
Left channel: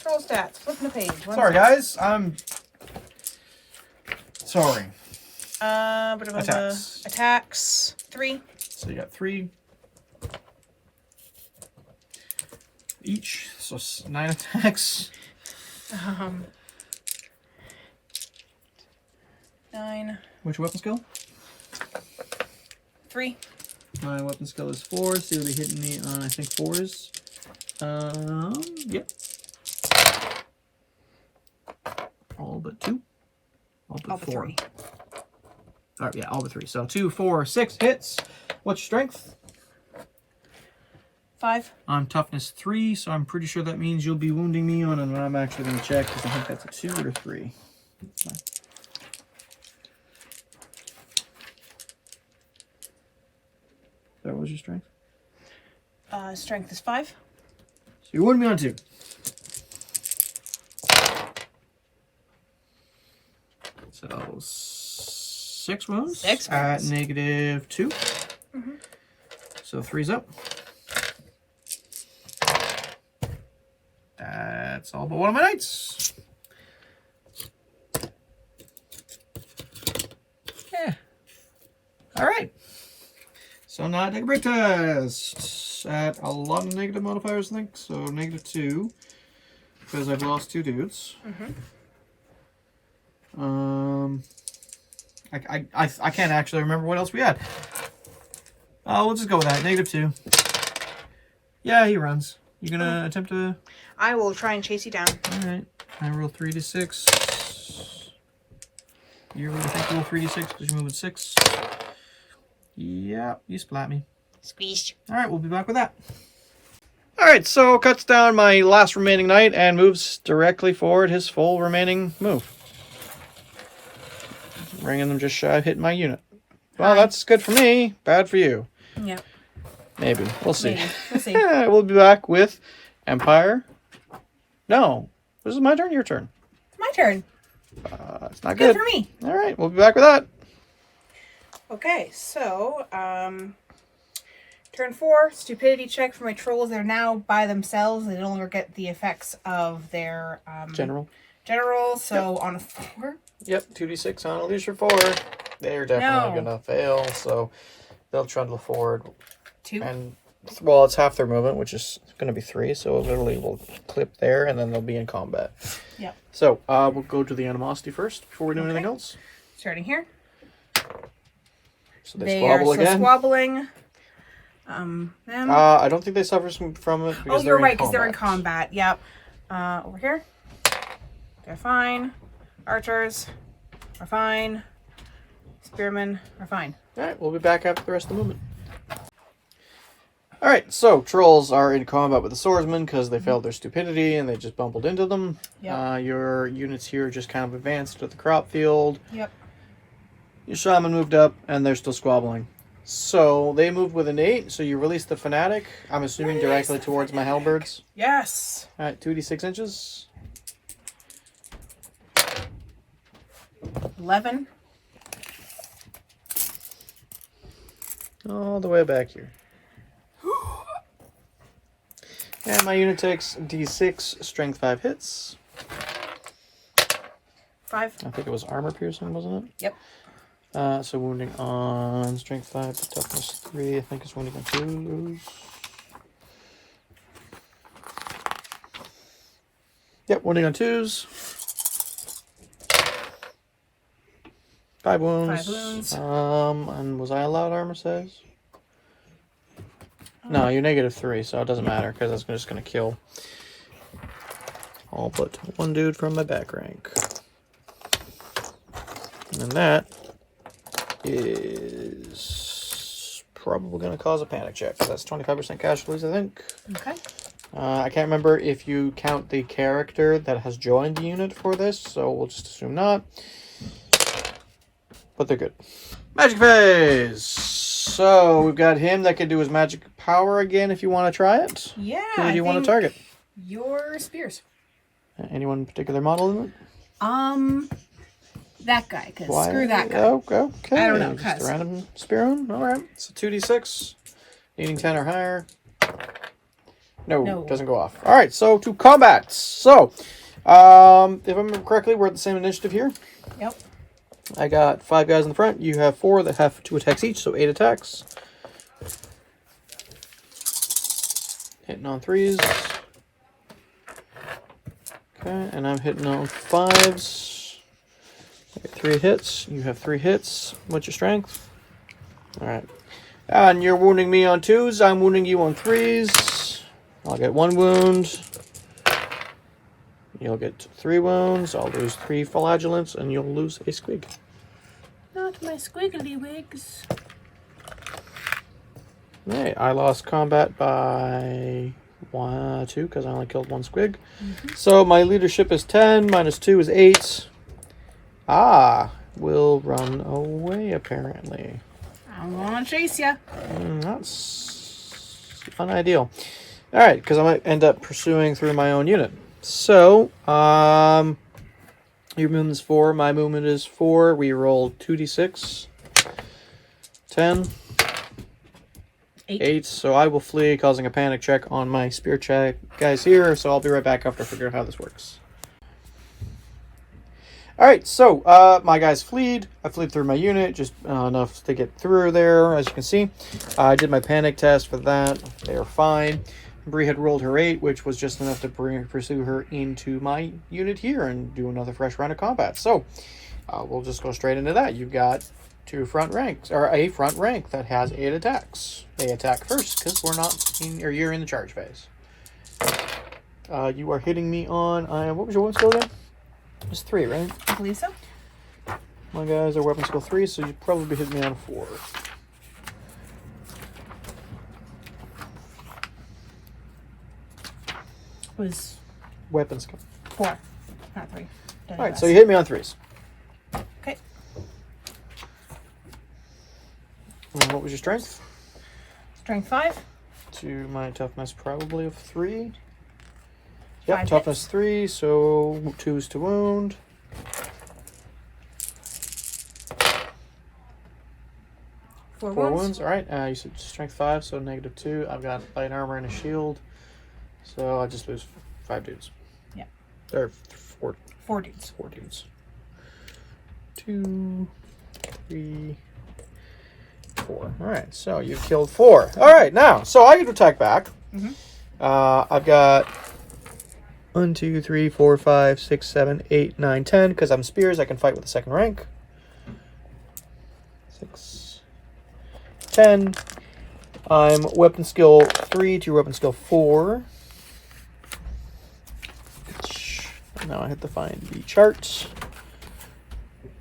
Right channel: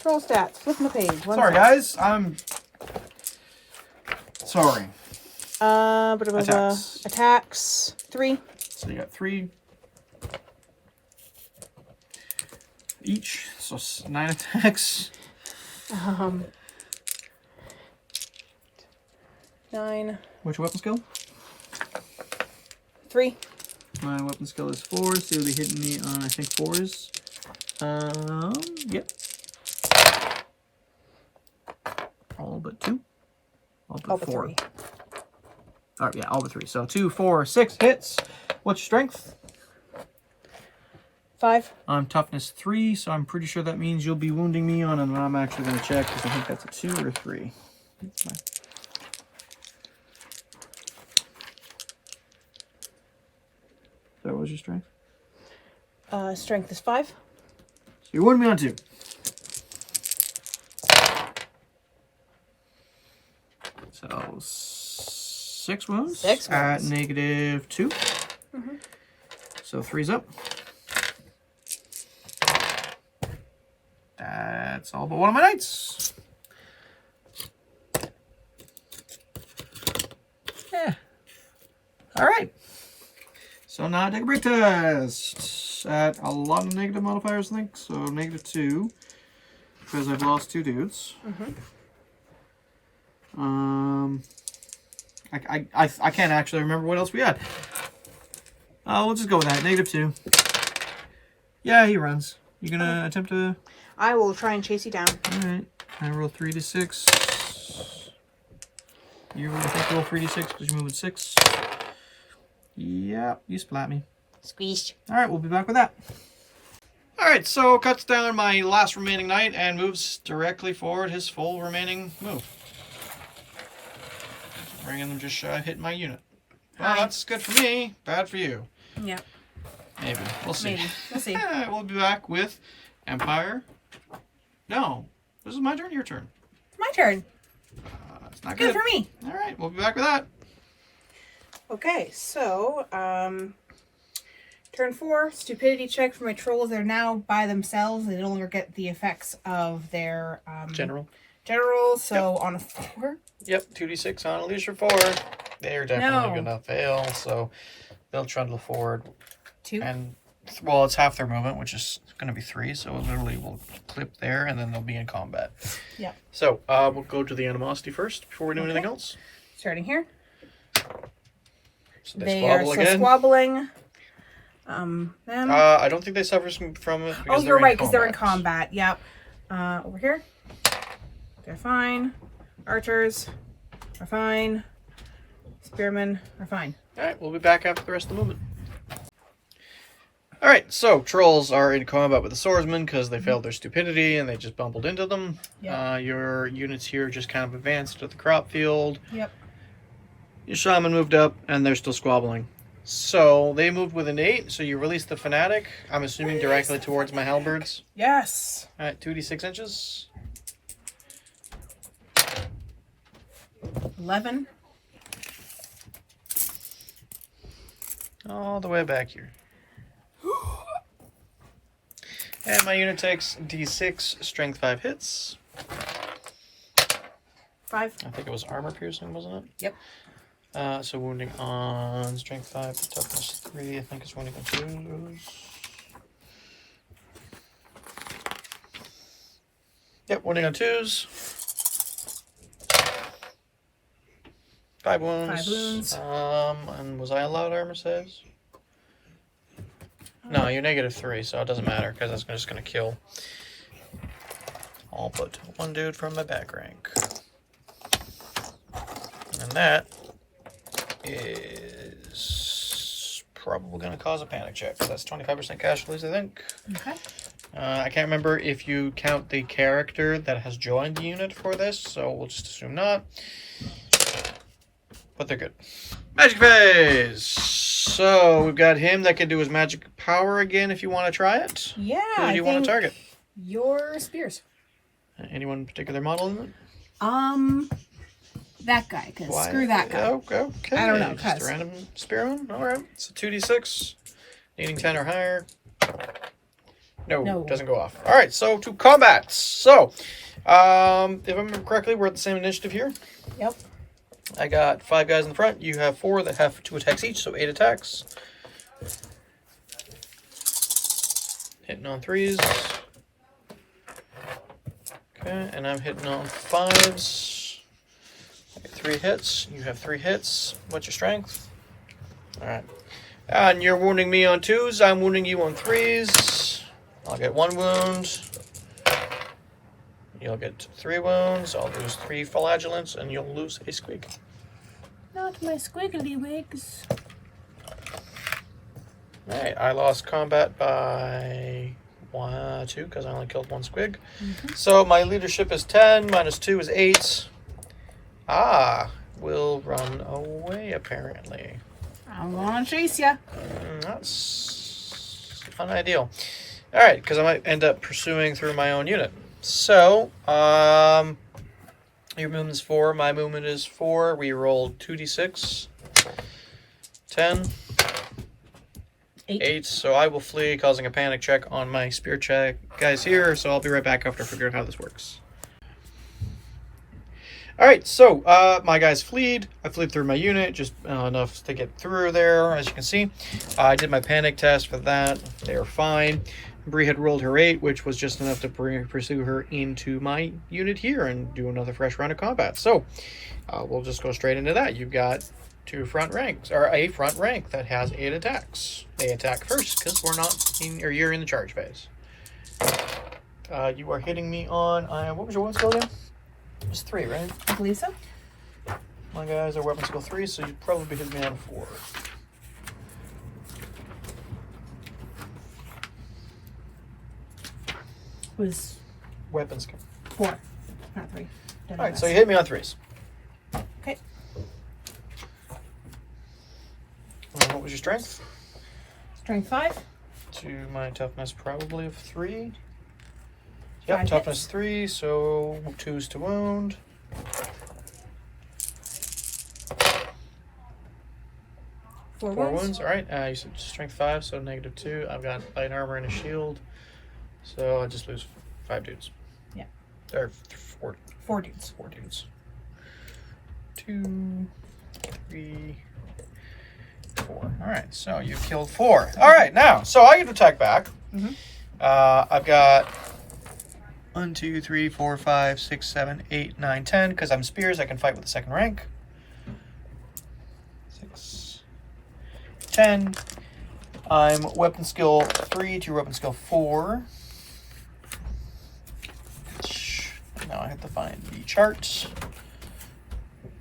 Troll stats. Flipping the page. Sorry, guys. I'm sorry. Attacks. Attacks. 3. So you got 3 each. So 9 attacks. 9. What's your weapon skill? 3. My weapon skill is 4, so you'll be hitting me on, I think, 4s. Yep. All but 2. All but 4. 3. Alright, yeah, all but 3. So 2, 4, 6 hits. What's your strength? 5. I'm toughness 3, so I'm pretty sure that means you'll be wounding me on, and I'm actually going to check, because I think that's a 2 or a 3. So what was your strength? Strength is 5. So you wound me on 2. So 6 wounds. 6 at wounds. -2. So 3's up. That's all but one of my knights. Yeah. All right. So now I take a break test at a lot of negative modifiers, I think. So -2 because I've lost 2 dudes. I can't actually remember what else we had. We'll just go with that. -2. Yeah, he runs. You gonna attempt to? I will try and chase you down. All right. I roll 3d6. You really think you roll 3d6 because you're moving 6? Yeah, you splat me. Squeezed. All right, we'll be back with that. All right, so cuts down my last remaining knight and moves directly forward his full remaining move. Bringing them just shy of hitting my unit. Well, that's good for me. Bad for you. Yeah. Maybe. We'll see. Maybe. We'll see. We'll be back with Empire. No. This is my turn, your turn. My turn. It's not Good good. for me. All right, we'll be back with that. Okay, so, turn 4, stupidity check for my trolls. They're now by themselves. They no longer get the effects of their General. So on a 4. Yep, 2d6 on a leisure 4. They're definitely going to fail, so they'll trundle forward. 2. And, well, it's half their movement, which is going to be 3, so it literally will clip there, and then they'll be in combat. Yep. So, we'll go to the animosity first before we do anything else. Starting here. So They are squabble still again. squabbling. Them. I don't think they suffer from it. Oh, you're right, because they're in combat. Yep. Over here. They're fine. Archers are fine. Spearmen are fine. Alright, we'll be back after the rest of the movement. Alright, so trolls are in combat with the swordsmen because they failed their stupidity and they just bumbled into them. Yep. Your units here just kind of advanced to the crop field. Yep. Your shaman moved up and they're still squabbling. So they moved with an 8, so you release the fanatic. I'm assuming directly towards my halberds. Yes. Alright, 2d6 inches. 11. All the way back here. And my unit takes d6, strength 5 hits. 5. I think it was armor piercing, wasn't it? Yep. So wounding on strength 5, toughness 3, I think it's wounding on 2s. Yep, wounding on 2s. 5 wounds. 5 wounds. And was I allowed armor saves? No, you're -3, so it doesn't matter because that's just going to kill. I'll put 1 dude from my back rank. And then that is probably going to cause a panic check. That's 25% casualties, I think. Okay. I can't remember if you count the character that has joined the unit for this, so we'll just assume not. But they're good. Magic phase! So we've got him that can do his magic power again if you want to try it. Yeah, Who do you want to target? Your spears. Anyone in particular model in it? that guy, because screw that guy. Okay. I don't know, Just a random spearman. All right. So 2d6. Needing 10 or higher. No, doesn't go off. All right. So to combat. So, if I remember correctly, we're at the same initiative here. Yep. I got 5 guys in the front. You have 4 that have 2 attacks each, so 8 attacks. Hitting on 3s. Okay, and I'm hitting on 5s. 3 hits. You have 3 hits. What's your strength? Alright. And you're wounding me on 2s. I'm wounding you on 3s. I'll get 1 wound. You'll get 3 wounds. I'll lose 3 flagellants, and you'll lose a squig. Not my squiggly wigs. Hey, I lost combat by 2 because I only killed 1 squig. So my leadership is 10, minus 2 is 8. Will run away apparently. I'm gonna chase ya. That's unideal. Alright, because I might end up pursuing through my own unit. So, your movement is 4, my movement is 4. We roll 2d6. 10. 8. So I will flee, causing a panic check on my spear check guys here. So I'll be right back after I figure out how this works. Alright, so my guys fleed. I fleed through my unit, just enough to get through there, as you can see. I did my panic test for that. They are fine. Bree had rolled her 8, which was just enough to pursue her into my unit here and do another fresh round of combat. So we'll just go straight into that. You've got 2 front ranks, or a front rank that has 8 attacks. They attack first because we're not in, or you're in the charge phase. You are hitting me on. What was your weapon skill again? It was 3, right? I believe so. My guys are weapon skill 3, so you'd probably be hitting me on a 4. Was Weapon skill 4, not 3. Alright, so you hit me on 3s. Okay. And what was your strength? Strength 5. To my toughness probably of 3. 5 Yep, hits. toughness 3, so 2s to wound. 4 4 wounds. wounds. Alright, you said strength 5, so negative 2. I've got light armor and a shield. So I just lose 5 dudes. Yeah. Or 4. 4 dudes. 4 dudes. 2, 3, 4. Alright, so you've killed 4. Alright, now, so I get to attack back. I've got 1, 2, 3, 4, 5, 6, 7, 8, 9, 10. Because I'm spears, I can fight with the second rank. 6, 10. I'm weapon skill 3 to weapon skill 4. Now I have to find the chart.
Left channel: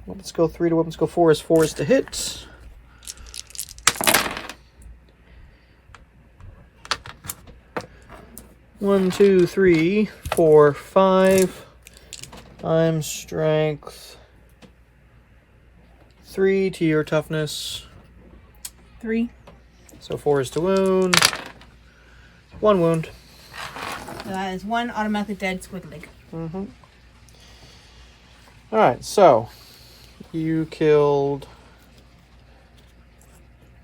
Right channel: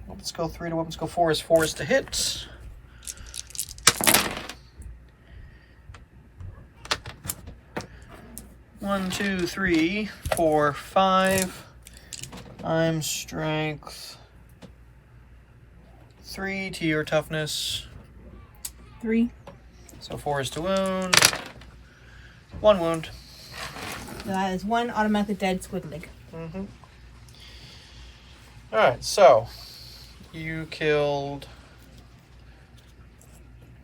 Weapon skill 3 to weapon skill 4 is 4 to hit. One, 2, 3, 4, 5. I'm strength 3 to your toughness. 3. So 4 is to wound. 1 wound. That is 1 automatically dead squiggly. Alright, so you killed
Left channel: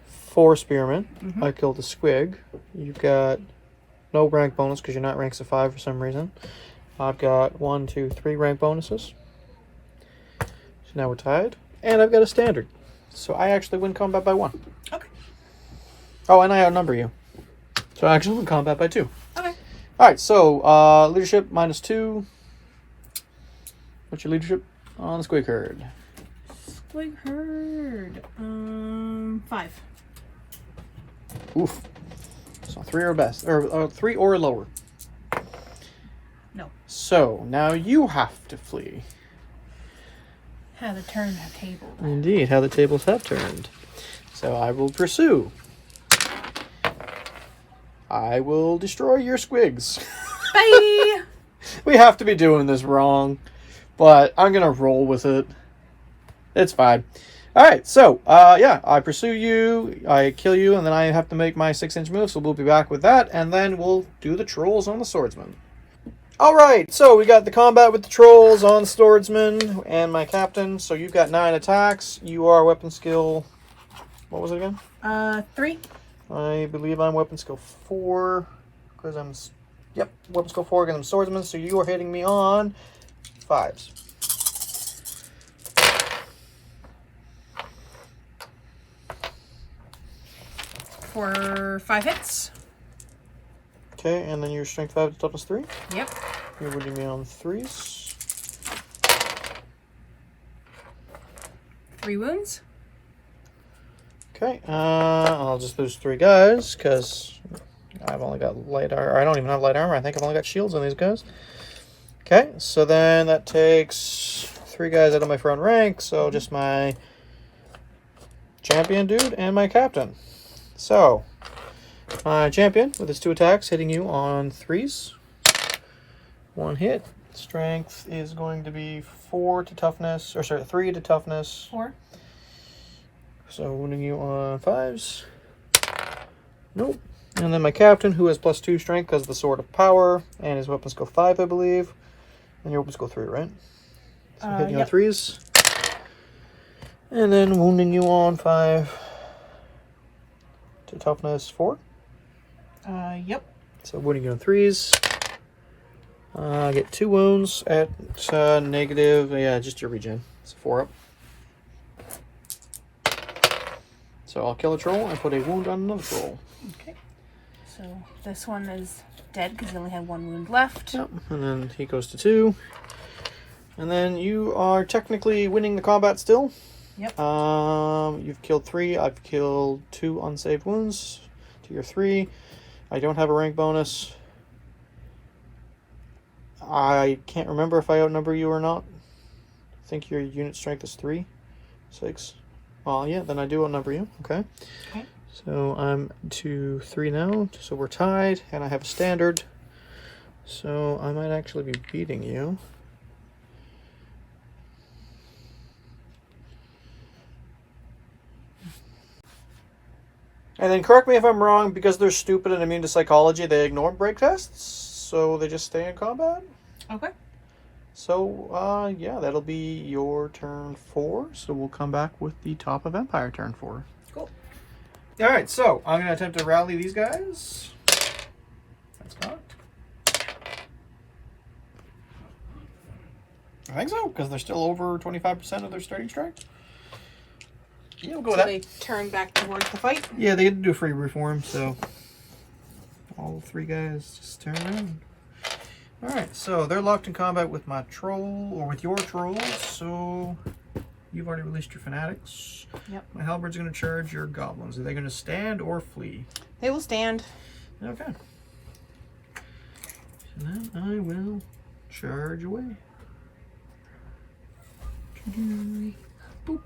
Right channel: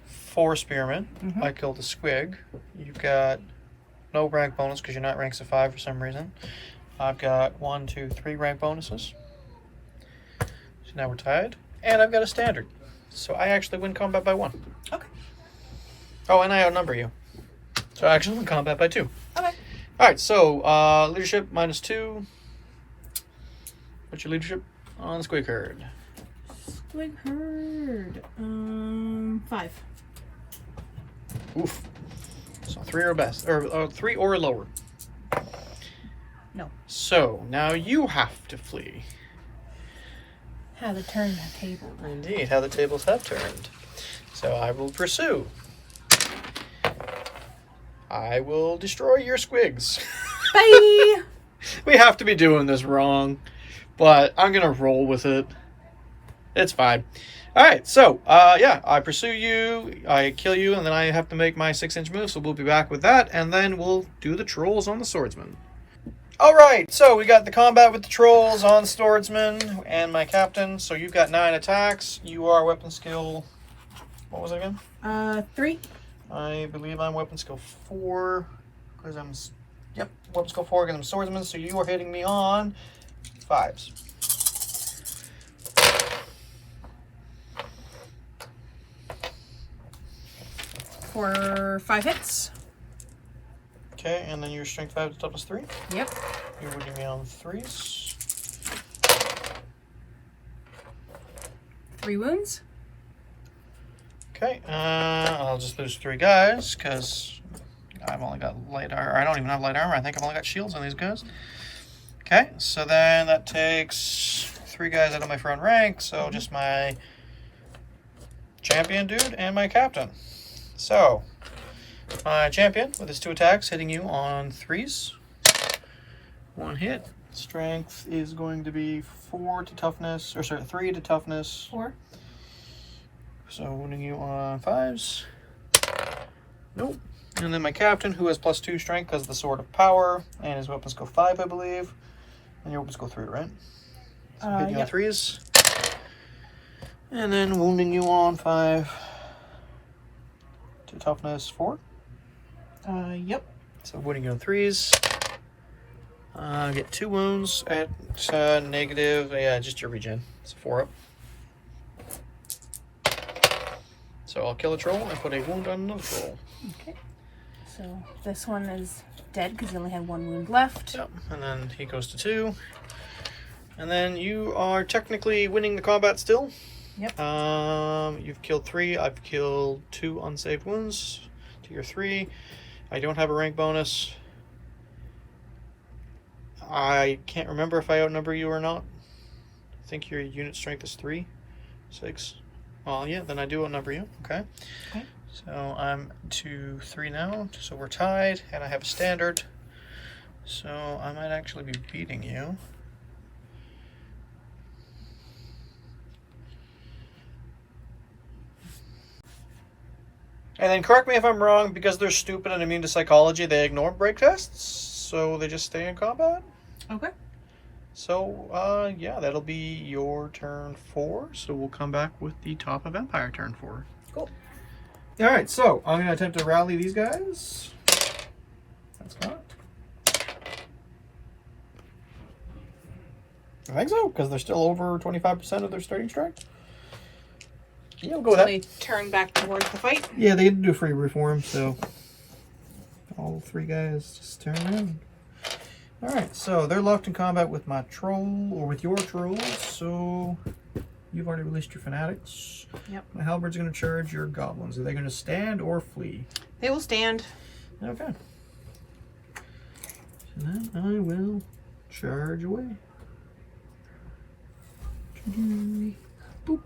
4 spearmen. I killed a squig. You've got no rank bonus because you're not ranks of 5 for some reason. I've got 1, 2, 3 rank bonuses. So now we're tied. And I've got a standard. So I actually win combat by 1. Okay. Oh, and I outnumber you. So I actually win combat by 2. Okay. Alright, so leadership minus 2. What's your leadership on the squig herd? Squig herd. 5. Oof. So 3 or best, or 3 or lower. No. So now you have to flee. How to turn the table. Indeed, how the tables have turned. So I will pursue. I will destroy your squigs. Bye! We have to be doing this wrong, but I'm gonna roll with it. It's fine. Alright, so, yeah, I pursue you, I kill you, and then I have to make my 6-inch move, so we'll be back with that, and then we'll do the trolls on the swordsman. Alright, so we got the combat with the trolls on the swordsman and my captain. So you've got 9 attacks. You are weapon skill... What was it again? 3. I believe I'm weapon skill 4. Because I'm... Yep, weapon skill 4 again. I'm swordsman. So you are hitting me on 5s. For 5 hits. Okay, and then your strength 5 to toughness 3. Yep. You're hitting me on 3s. 3 wounds. Okay, I'll just lose 3 guys because I've only got light armor. I don't even have light armor. I think I've only got shields on these guys. Okay, so then that takes 3 guys out of my front rank. So just my champion dude and my captain. So my champion with his 2 attacks hitting you on 3s. 1 hit. Strength is going to be 4 to toughness, or sorry, 3 to toughness. 4. So wounding you on 5s. Nope. And then my captain, who has +2 strength because of the sword of power, and his weapons go 5, I believe. And your weapons go 3, right? So hitting you on 3s. And then wounding you on 5 to toughness 4. Yep. So wounding you on 3s. Get 2 wounds at negative. Yeah, just your regen. It's 4 up. So I'll kill a troll and put a wound on another troll. Okay. So this one is dead because he only had 1 wound left. Yep. And then he goes to 2. And then you are technically winning the combat still. Yep. You've killed 3. I've killed 2 unsaved wounds to your 3. I don't have a rank bonus. I can't remember if I outnumber you or not. I think your unit strength is 3. 6. Well, yeah, then I do outnumber you. Okay. Okay. So I'm 2-3 now. So we're tied, and I have a standard. So I might actually be beating you. And then correct me if I'm wrong, because they're stupid and immune to psychology, they ignore break tests, so they just stay in combat. Okay. So, yeah, that'll be your turn 4. So we'll come back with the top of Empire turn 4. Cool. Alright, so I'm going to attempt to rally these guys. That's cocked. I think so, because they're still over 25% of their starting strength. Yeah, we'll go with that. They turn back towards the fight. Yeah, they get to do a free reform, so all 3 guys just turn around. Alright, so they're locked in combat with my troll, or with your trolls, so you've already released your fanatics. Yep. My halberd's going to charge your goblins. Are they going to stand or flee? They will stand. Okay. So then I will charge away. Boop.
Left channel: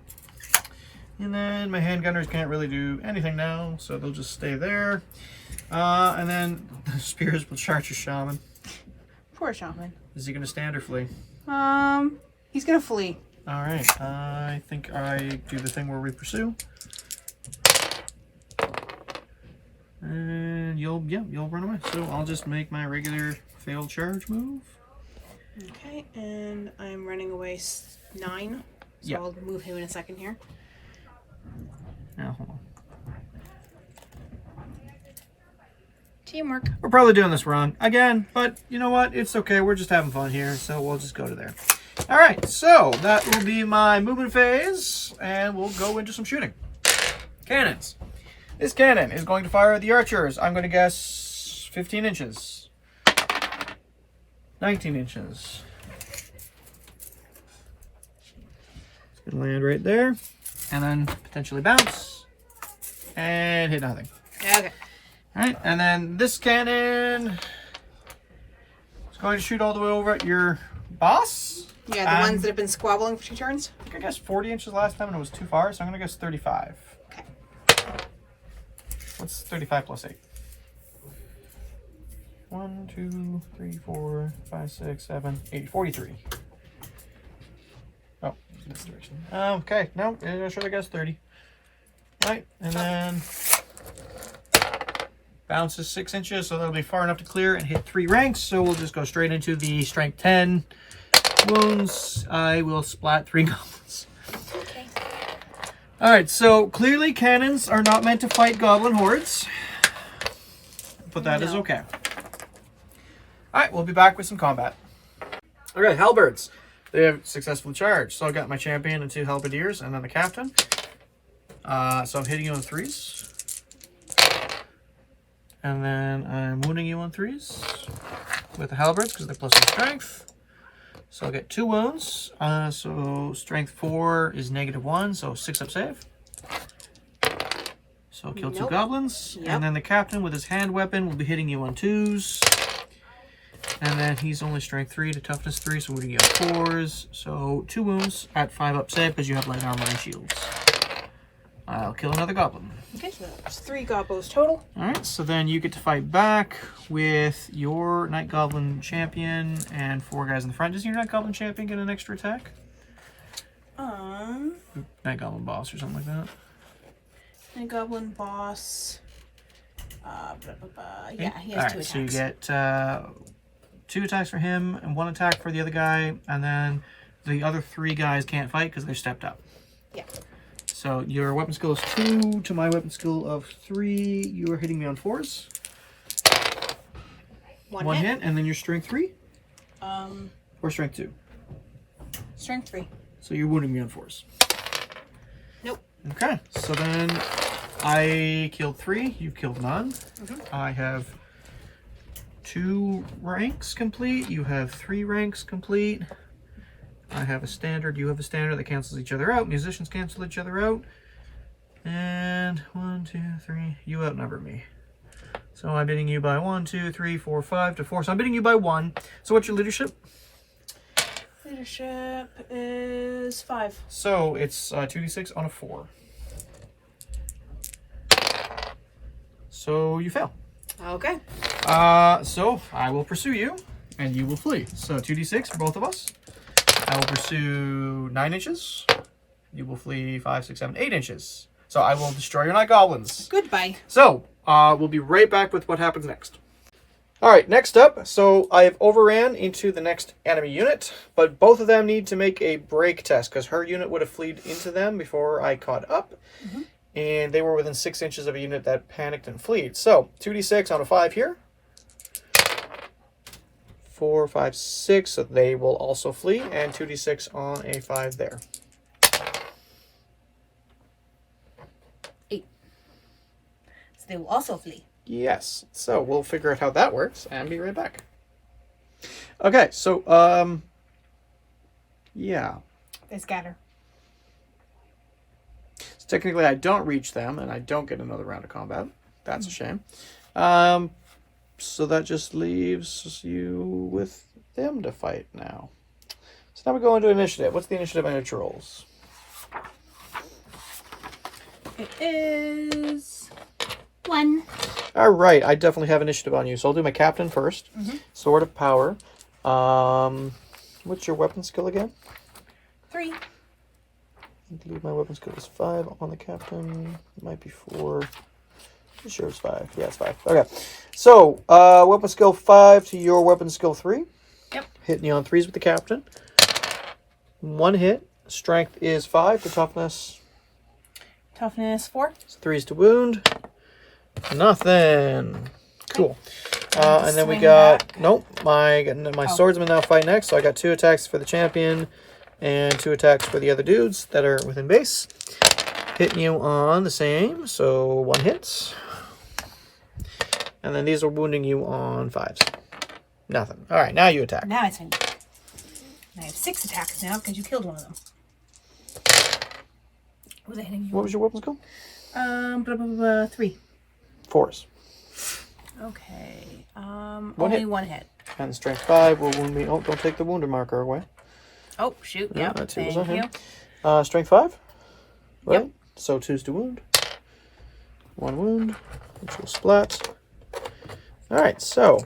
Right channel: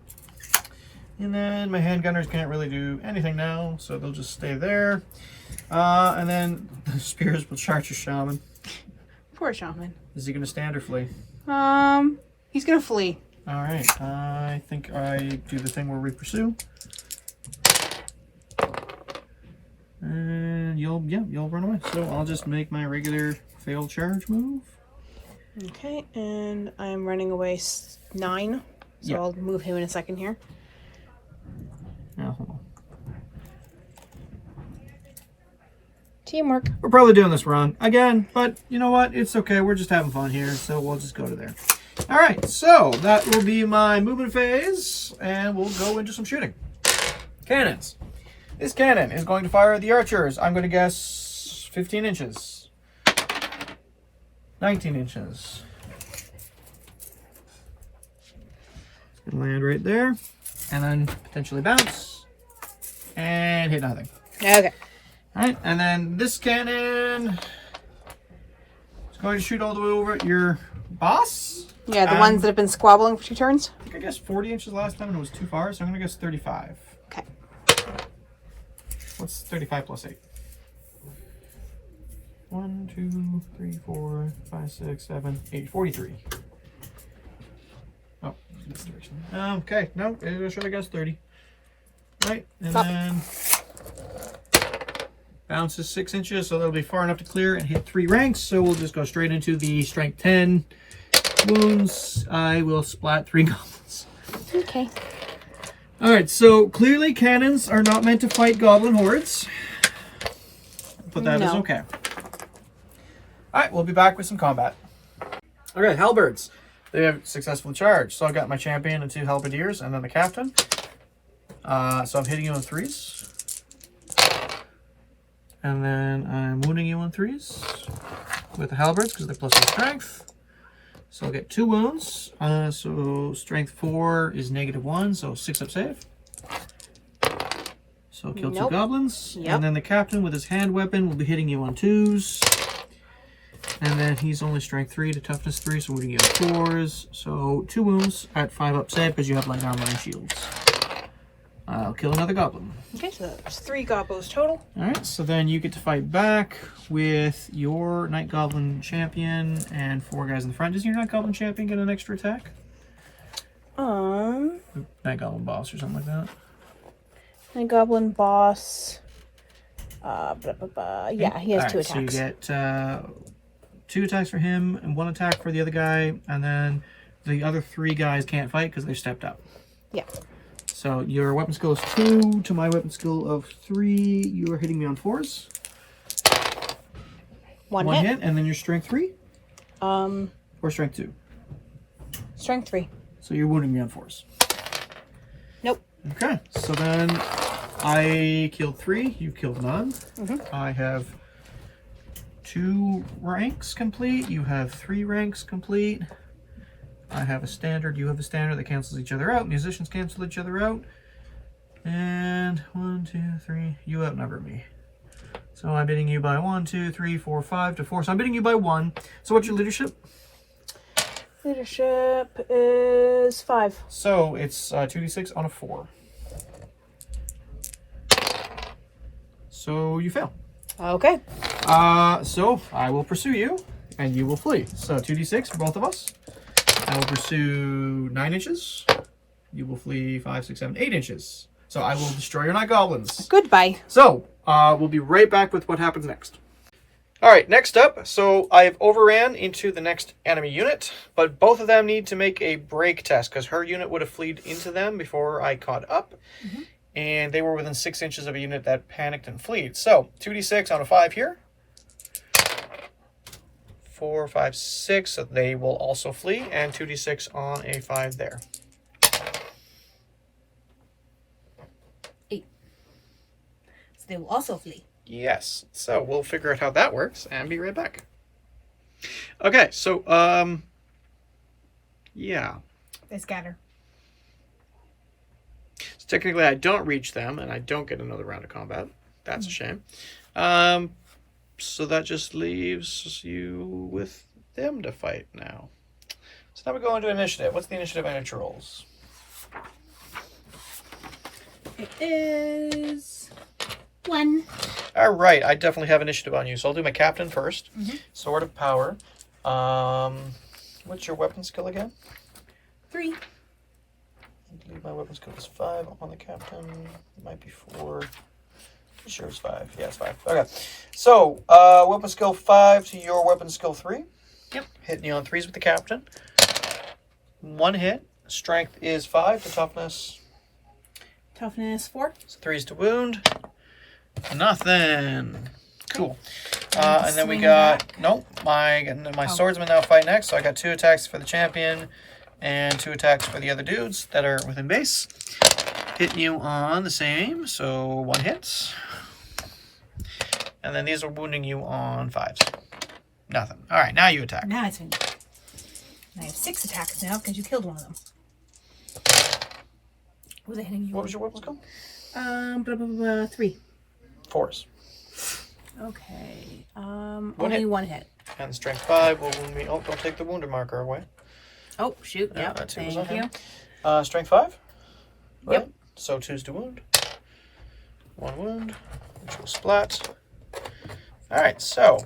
And then my handgunners can't really do anything now, so they'll just stay there. And then the spears will charge your shaman. Poor shaman. Is he going to stand or flee? He's gonna flee. Alright, I think I do the thing where we pursue. And you'll run away. So I'll just make my regular failed charge move. Okay, and I'm running away 9. So Yeah. I'll move him in a second here. Now, hold on. Teamwork. We're probably doing this wrong again, but you know what? It's okay. We're just having fun here, so we'll just go to there. All right, so that will be my movement phase, and we'll go into some shooting. Cannons. This cannon is going to fire at the archers. I'm going to guess 15 inches. 19 inches. It's going to land right there, and then potentially bounce, and hit nothing. Okay. Alright, and then this cannon is going to shoot all the way over at your boss. Yeah, the ones that have been squabbling for 2 turns. I think I guessed 40 inches last time and it was too far, so I'm going to guess 35. Okay. What's 35 plus 8? 1, 2, 3, 4, 5, 6, 7, 8, 43. Oh, okay, no, it should have guessed 30. Right, and then Bounces 6 inches, so that'll be far enough to clear and hit 3 ranks. So we'll just go straight into the strength 10 wounds. I will splat 3 goblins. Okay. Alright, so clearly cannons are not meant to fight goblin hordes. But that is okay. Alright, we'll be back with some combat. Okay, halberds. They have successfully charged. So I've got my champion and 2 halberdiers, and then the captain. So I'm hitting you on 3s. And then I'm wounding you on 3s with the halberds because they're plus 1 strength. So I'll get 2 wounds. So strength 4 is -1, so 6 up save. So I'll kill 2 goblins. Yep. And then the captain with his hand weapon will be hitting you on 2s. And then he's only strength 3 to toughness 3, so wounding you on 4s. So 2 wounds at 5 up save because you have light armor and shields. I'll kill another goblin. Okay, so that's 3 gobos total. Alright, so then you get to fight back with your Night Goblin champion and 4 guys in the front. Does your Night Goblin champion get an extra attack? Night Goblin boss or something like that? My goblin boss. Yeah, he has 2 attacks. So you get 2 attacks for him and 1 attack for the other guy, and then the other 3 guys can't fight because they're stepped up. Yeah. So your weapon skill is 2 to my weapon skill of 3. You are hitting me on 4s. One One hit. hit, and then your strength 3? Or Or strength 2? strength 3. So you're wounding me on 4s. Nope. Okay, so then I killed 3, you killed none. I have 2 ranks complete, you have 3 ranks complete. I have a standard, you have a standard that cancels each other out. Musicians cancel each other out. And 1, 2, 3, you outnumber me. So I'm beating you by 1, 2, 3, 4, 5 to 4. So I'm beating you by 1. So what's your leadership? Leadership is 5. So it's 2d6 on a 4. So you fail. Okay. So I will pursue you, and you will flee. So 2d6 for both of us. I will pursue 9 inches. You will flee 5, 6, 7, 8 inches. So I will destroy your Night Goblins. Goodbye. So we'll be right back with what happens next. All right, next up. So I have overran into the next enemy unit, but both of them need to make a break test because her unit would have fleed into them before I caught up. And they were within 6 inches of a unit that panicked and fled. So 2d6 on a 5 here. 4, 5, 6, so they will also flee, and 2d6 on a 5 there. 8. So they will also flee. Yes, so we'll figure out how that works and be right back. Okay, so, yeah. They scatter. So technically I don't reach them, and I don't get another round of combat. That's a shame. So that just leaves you with them to fight now. So now we go into initiative. What's the initiative on your rolls? It is 1. All right, I definitely have initiative on you. So I'll do my captain first. Sword of Power. What's your weapon skill again? 3. I believe my weapon skill is 5 on the captain. It might be 4. Sure, it's 5. Yeah, it's 5. Okay. So, weapon skill 5 to your weapon skill 3. Yep. Hitting you on 3s with the captain. 1 hit. Strength is 5 to toughness. Toughness 4. So 3s to wound. Nothing. Cool. And then we got... Nope. My swordsman now fight next. So I got 2 attacks for the champion and 2 attacks for the other dudes that are within base. Hitting you on the same. So 1 hits. And then these are wounding you on 5s. Nothing. All right, now you attack. Now it's in. I have 6 attacks now because you killed one of them. Was I hitting you? What was your weapon skill? 3. 4s. Okay. One Only hit. 1 hit. And strength 5 will wound me. Oh, don't take the wounded marker away. Oh, shoot. Yeah, Yep. that's it. Thank you. Strength 5? Right? Yep. So 2s to wound. 1 wound. Which will splat. Alright, so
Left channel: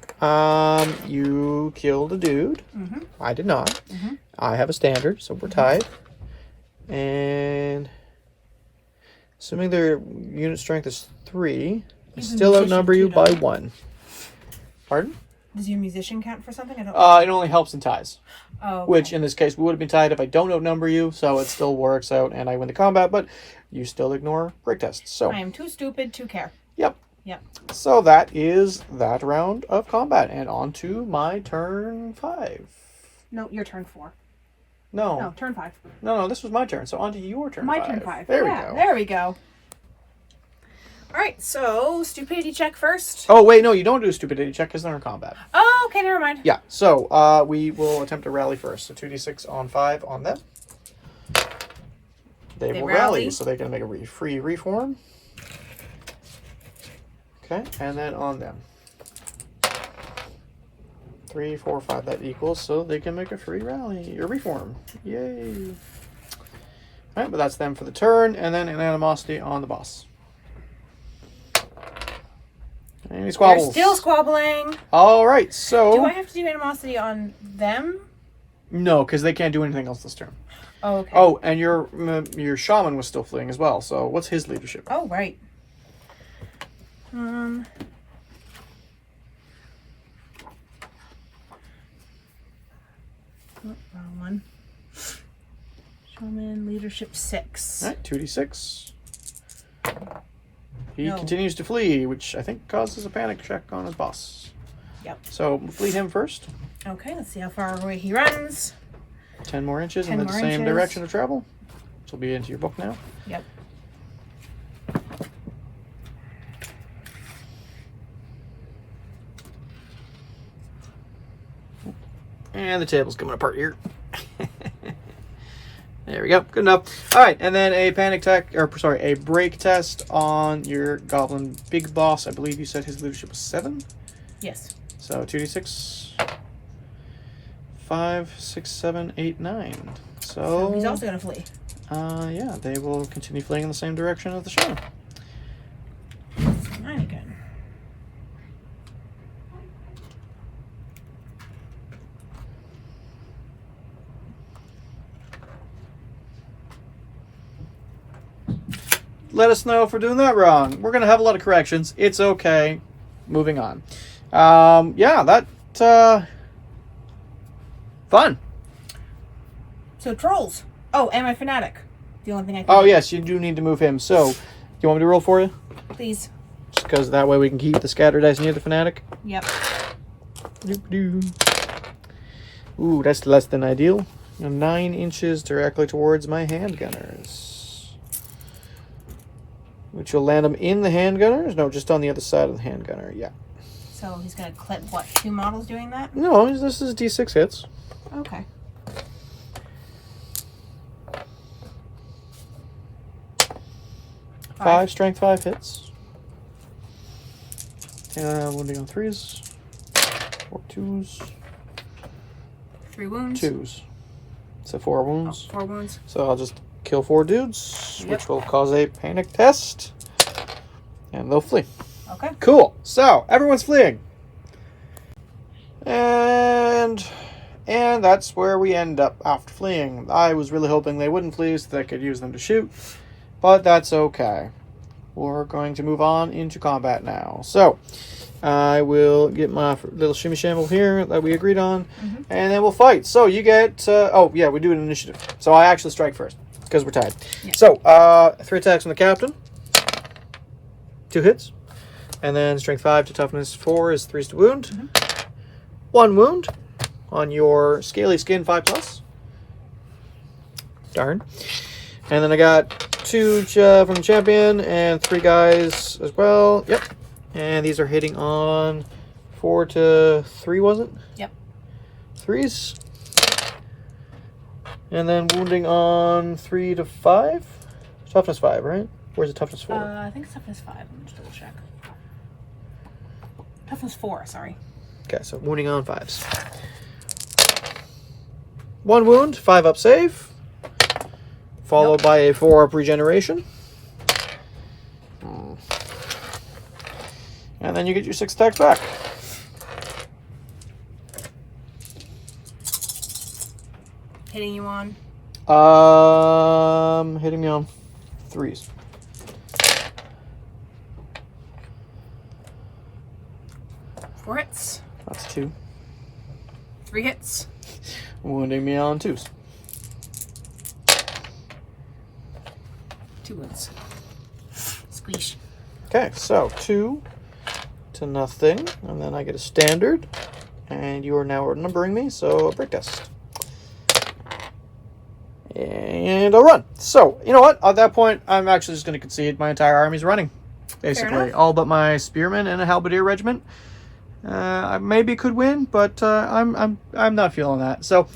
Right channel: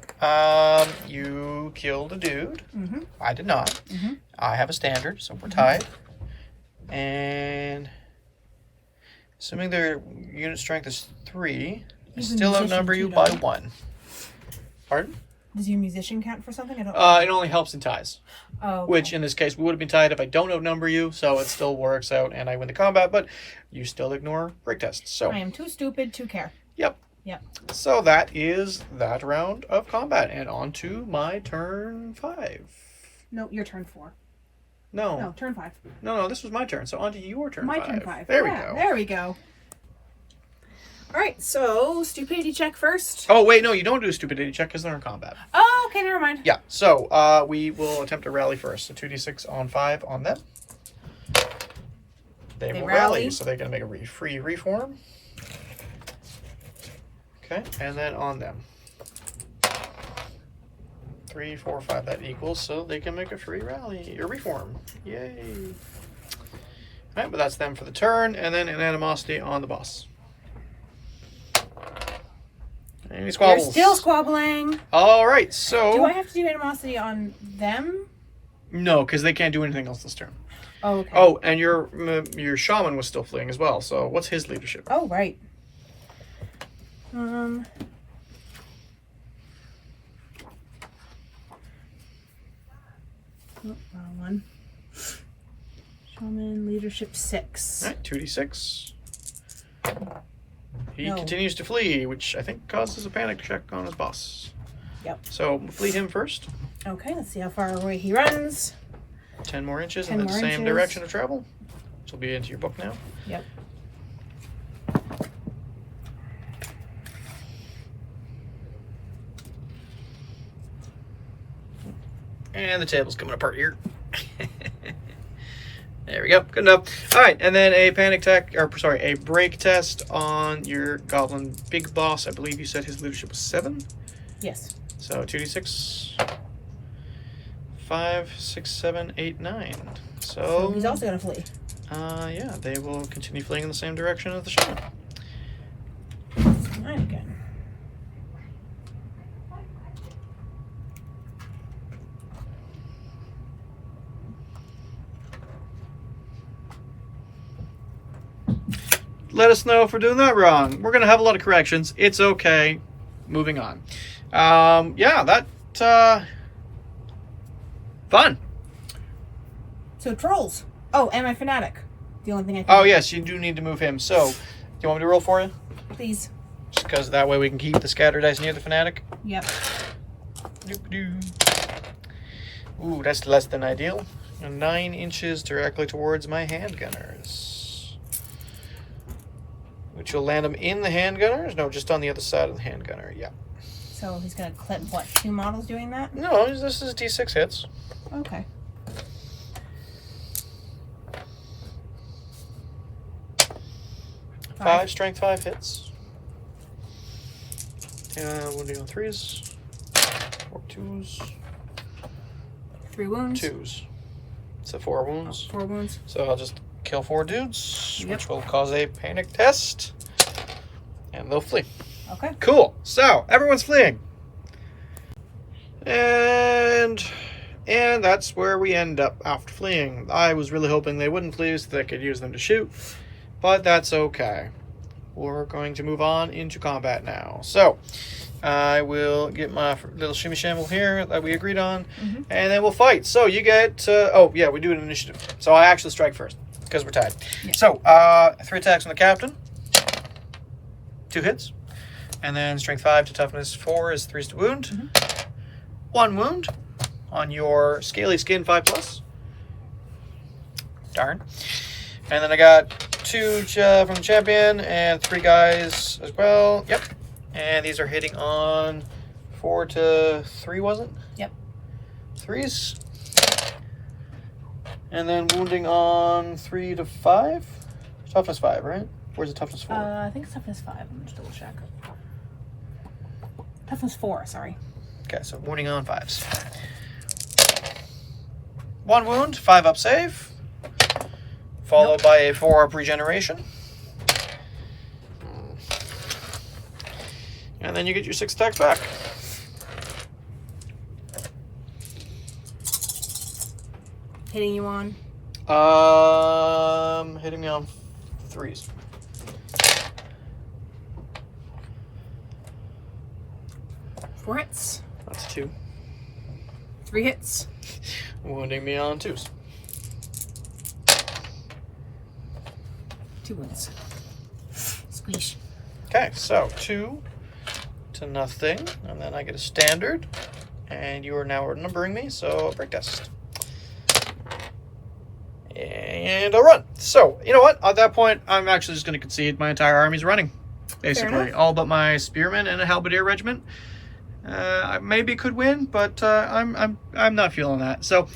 you killed a dude. I did not. I have a standard, so we're tied. And assuming their unit strength is 3, He's a Still musician outnumber too, you by don't he? 1. Pardon? Does your musician count for something? I don't. It only helps in ties. Oh, okay. Which, in this case, we would have been tied if I don't outnumber you, so it still works out and I win the combat, but you still ignore break tests. So, I am too stupid to care. yep. Yep. So that is that round of combat, and on to my turn 5. No, your turn 4. No. No, turn 5. No, this was my turn, so on to your turn 5. My turn 5. There Yeah, we go. There we go. All right, so stupidity check first. Oh, wait, no, you don't do a stupidity check because they're in combat. Oh, okay, never mind. Yeah, so we will attempt to rally first. So 2d6 on 5 on them. They will rally, so they can make a free reform. Okay, and then on them. 3, 4, 5, that equals, so they can make a free rally, or reform. Yay. Alright, but that's them for the turn, and then an animosity on the boss. And he squabbles. They're still squabbling. Alright, so... Do I have to do animosity on them? No, because they can't do anything else this turn. Oh, okay. Oh, and your shaman was still fleeing as well, so what's his leadership? Oh, right. Oh, wrong one. Shaman leadership 6. Alright, 2d6. He No. continues to flee, which I think causes a panic check on his boss. Yep. So flee him first. Okay, let's see how far away he runs. 10 more inches 10 in the more same inches. direction of travel. This will be into your book now. Yep. And the table's coming apart here. There we go. Good enough. All right, and then a a break test on your goblin big boss. I believe you said his leadership was 7. Yes. So 2d6. 5, 6, 7, 8, 9. So he's also gonna flee. Yeah, they will continue fleeing in the same direction as the shaman. 9 again. Let us know if we're doing that wrong. We're going to have a lot of corrections. It's okay. Moving on. Yeah, fun. So trolls. Oh, and my fanatic. The only thing I can Oh, yes, you do need to move him. So, do you want me to roll for you? Please. Just because that way we can keep the scatter dice near the fanatic. Yep. Ooh, that's less than ideal. 9 inches directly towards my handgunners. Which will land them in the handgunners? No, just on the other side of the handgunner, yeah. So he's gonna clip what? 2 models doing that? No, this is D6 hits. Okay. Five strength 5 hits. Wounding on 3s. 4 2s. 3 wounds. 2s. So 4 wounds. 4 wounds. So I'll just kill 4 dudes, Yep. which will cause a panic test. And they'll flee. Okay. Cool. So everyone's fleeing. And that's where we end up after fleeing. I was really hoping they wouldn't flee so that I could use them to shoot. But that's okay. We're going to move on into combat now. So, I will get my little shimmy shamble here that we agreed on, and then we'll fight. So, you get... oh, yeah, we do an initiative. So, I actually strike first, because we're tied. Yeah. So, 3 attacks on the captain. 2 hits. And then strength 5 to toughness 4 is 3 to wound. 1 wound on your scaly skin 5+. Darn. And then I got 2 from the champion and 3 guys as well. Yep. And these are hitting on 4 to 3, was it? Yep. 3s. And then wounding on 3 to 5. Toughness 5, right? Where's the toughness 4? I think it's toughness 5. Let me just double check. Toughness 4, sorry. Okay, so wounding on 5s. 1 wound, 5 up save. Followed by a 4 up regeneration. And then you get your 6 attacks back. Hitting you on? Hitting me on 3s. 4 hits. That's 2. 3 hits. Wounding me on 2s. 2 wounds. Squeeze. Okay, so 2 to nothing, and then I get a standard, and you are now outnumbering me, so break test. And I'll run. So, you know what? At that point, I'm actually just going to concede. My entire army's running, basically. All but my spearmen and a halberdier regiment. I maybe could win, but I'm not feeling that. So,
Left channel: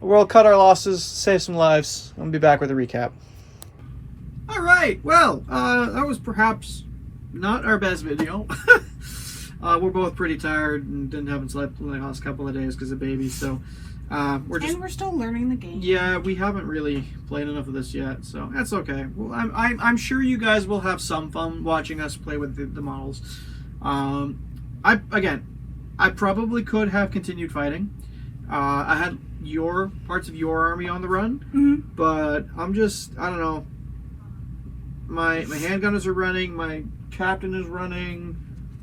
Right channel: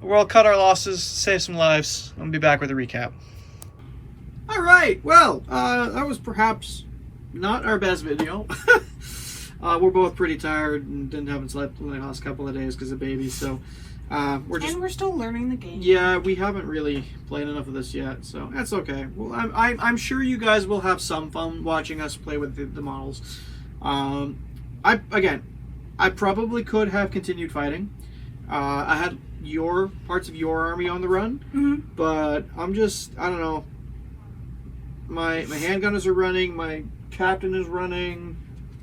we'll cut our losses, save some lives, and be back with a recap. All right. Well, that was perhaps not our best video. We're both pretty tired and haven't slept in the last couple of days because of babies. So. We're still learning the game. Yeah, we haven't really played enough of this yet, so that's okay. Well, I'm sure you guys will have some fun watching us play with the models. I probably could have continued fighting. I had parts of your army on the run, but I don't know. My handgunners are running. My captain is running.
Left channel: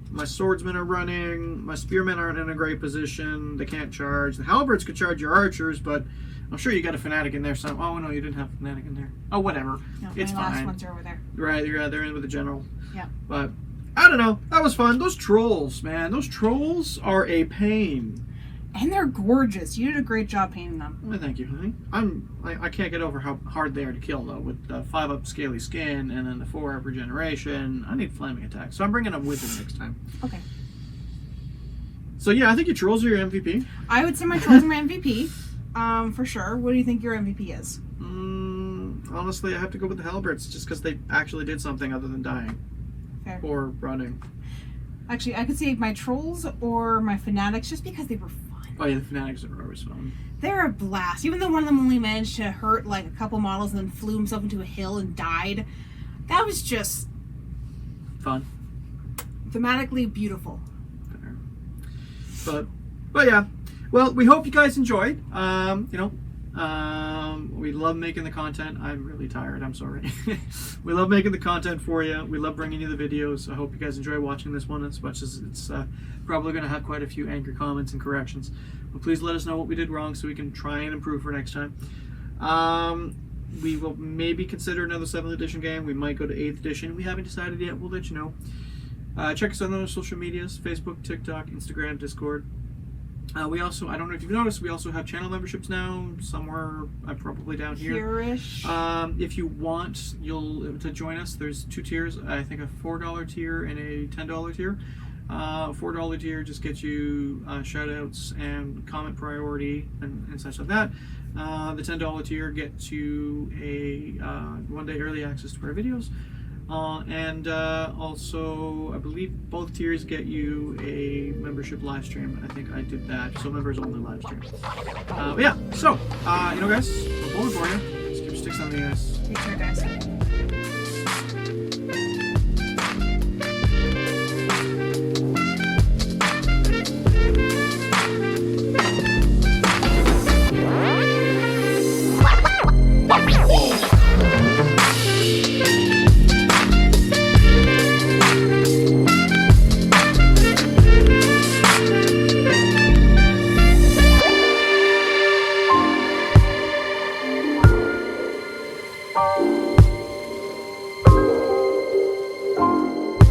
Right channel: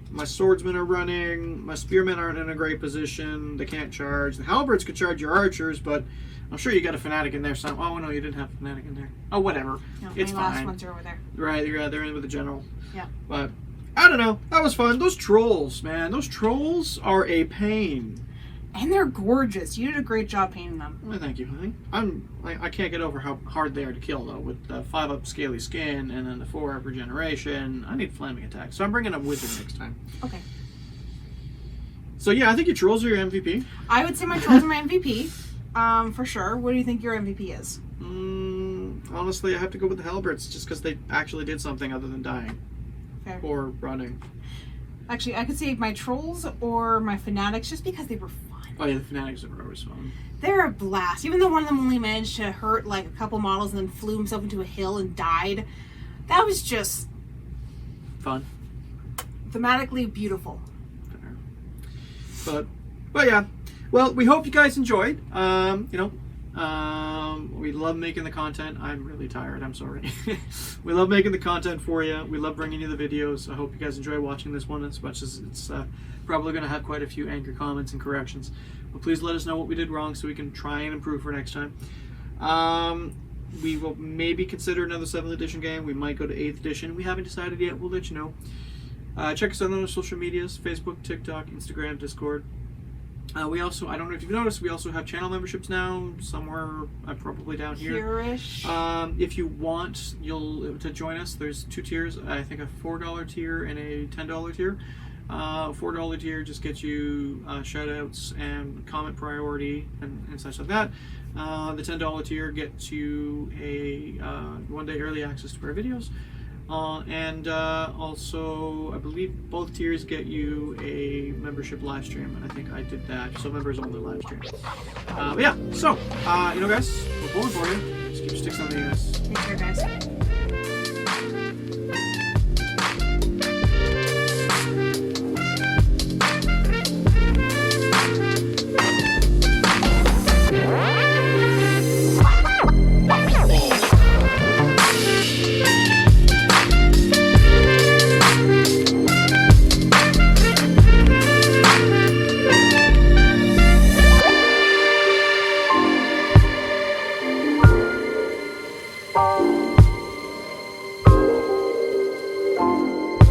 My swordsmen are running. My spearmen aren't in a great position. They can't charge. The halberds could charge your archers, but I'm sure you got a fanatic in there. Oh, no, you didn't have a fanatic in there. Oh, whatever. No, it's my fine. last ones are over there. Right, they're in with the general. Yeah. But, I don't know. That was fun. Those trolls, man. Those trolls are a pain. And they're gorgeous. You did a great job painting them. Well, thank you, honey. I can't get over how hard they are to kill, though, with the 5-up scaly skin and then the 4-up regeneration. I need flaming attack, so I'm bringing a wizard next time. Okay. So yeah, I think your trolls are your MVP. I would say my trolls are my MVP, for sure. What do you think your MVP is? Honestly, I have to go with the halberds, just because they actually did something other than dying. Fair. Or running. Actually, I could say my trolls or my fanatics, just because they were fun. Oh yeah, the fanatics are always fun. They're a blast. Even though one of them only managed to hurt like a couple models and then flew himself into a hill and died, that was just fun. Thematically beautiful. But yeah. Well, we hope you guys enjoyed. We love making the content. I'm really tired. I'm sorry. We love making the content for you. We love bringing you the videos. I hope you guys enjoy watching this one as much as it's probably going to have quite a few angry comments and corrections. But please let us know what we did wrong so we can try and improve for next time. We will maybe consider another 7th edition game. We might go to 8th edition. We haven't decided yet. We'll let you know. Check us out on our social medias: Facebook, TikTok, Instagram, Discord. We also, I don't know if you've noticed, we also have channel memberships now, somewhere probably down here. Here-ish. If you want to join us, there's 2 tiers. I think a $4 tier and a $10 tier. $4 tier just gets you shout outs and comment priority and such like that. The $10 tier gets you a 1-day early access to our videos. Also, I believe both tiers get you a membership live stream. I think I did that, so members only live stream. But yeah, so, guys, we're pulling for you. Just keep your sticks on the ass. Take care, guys.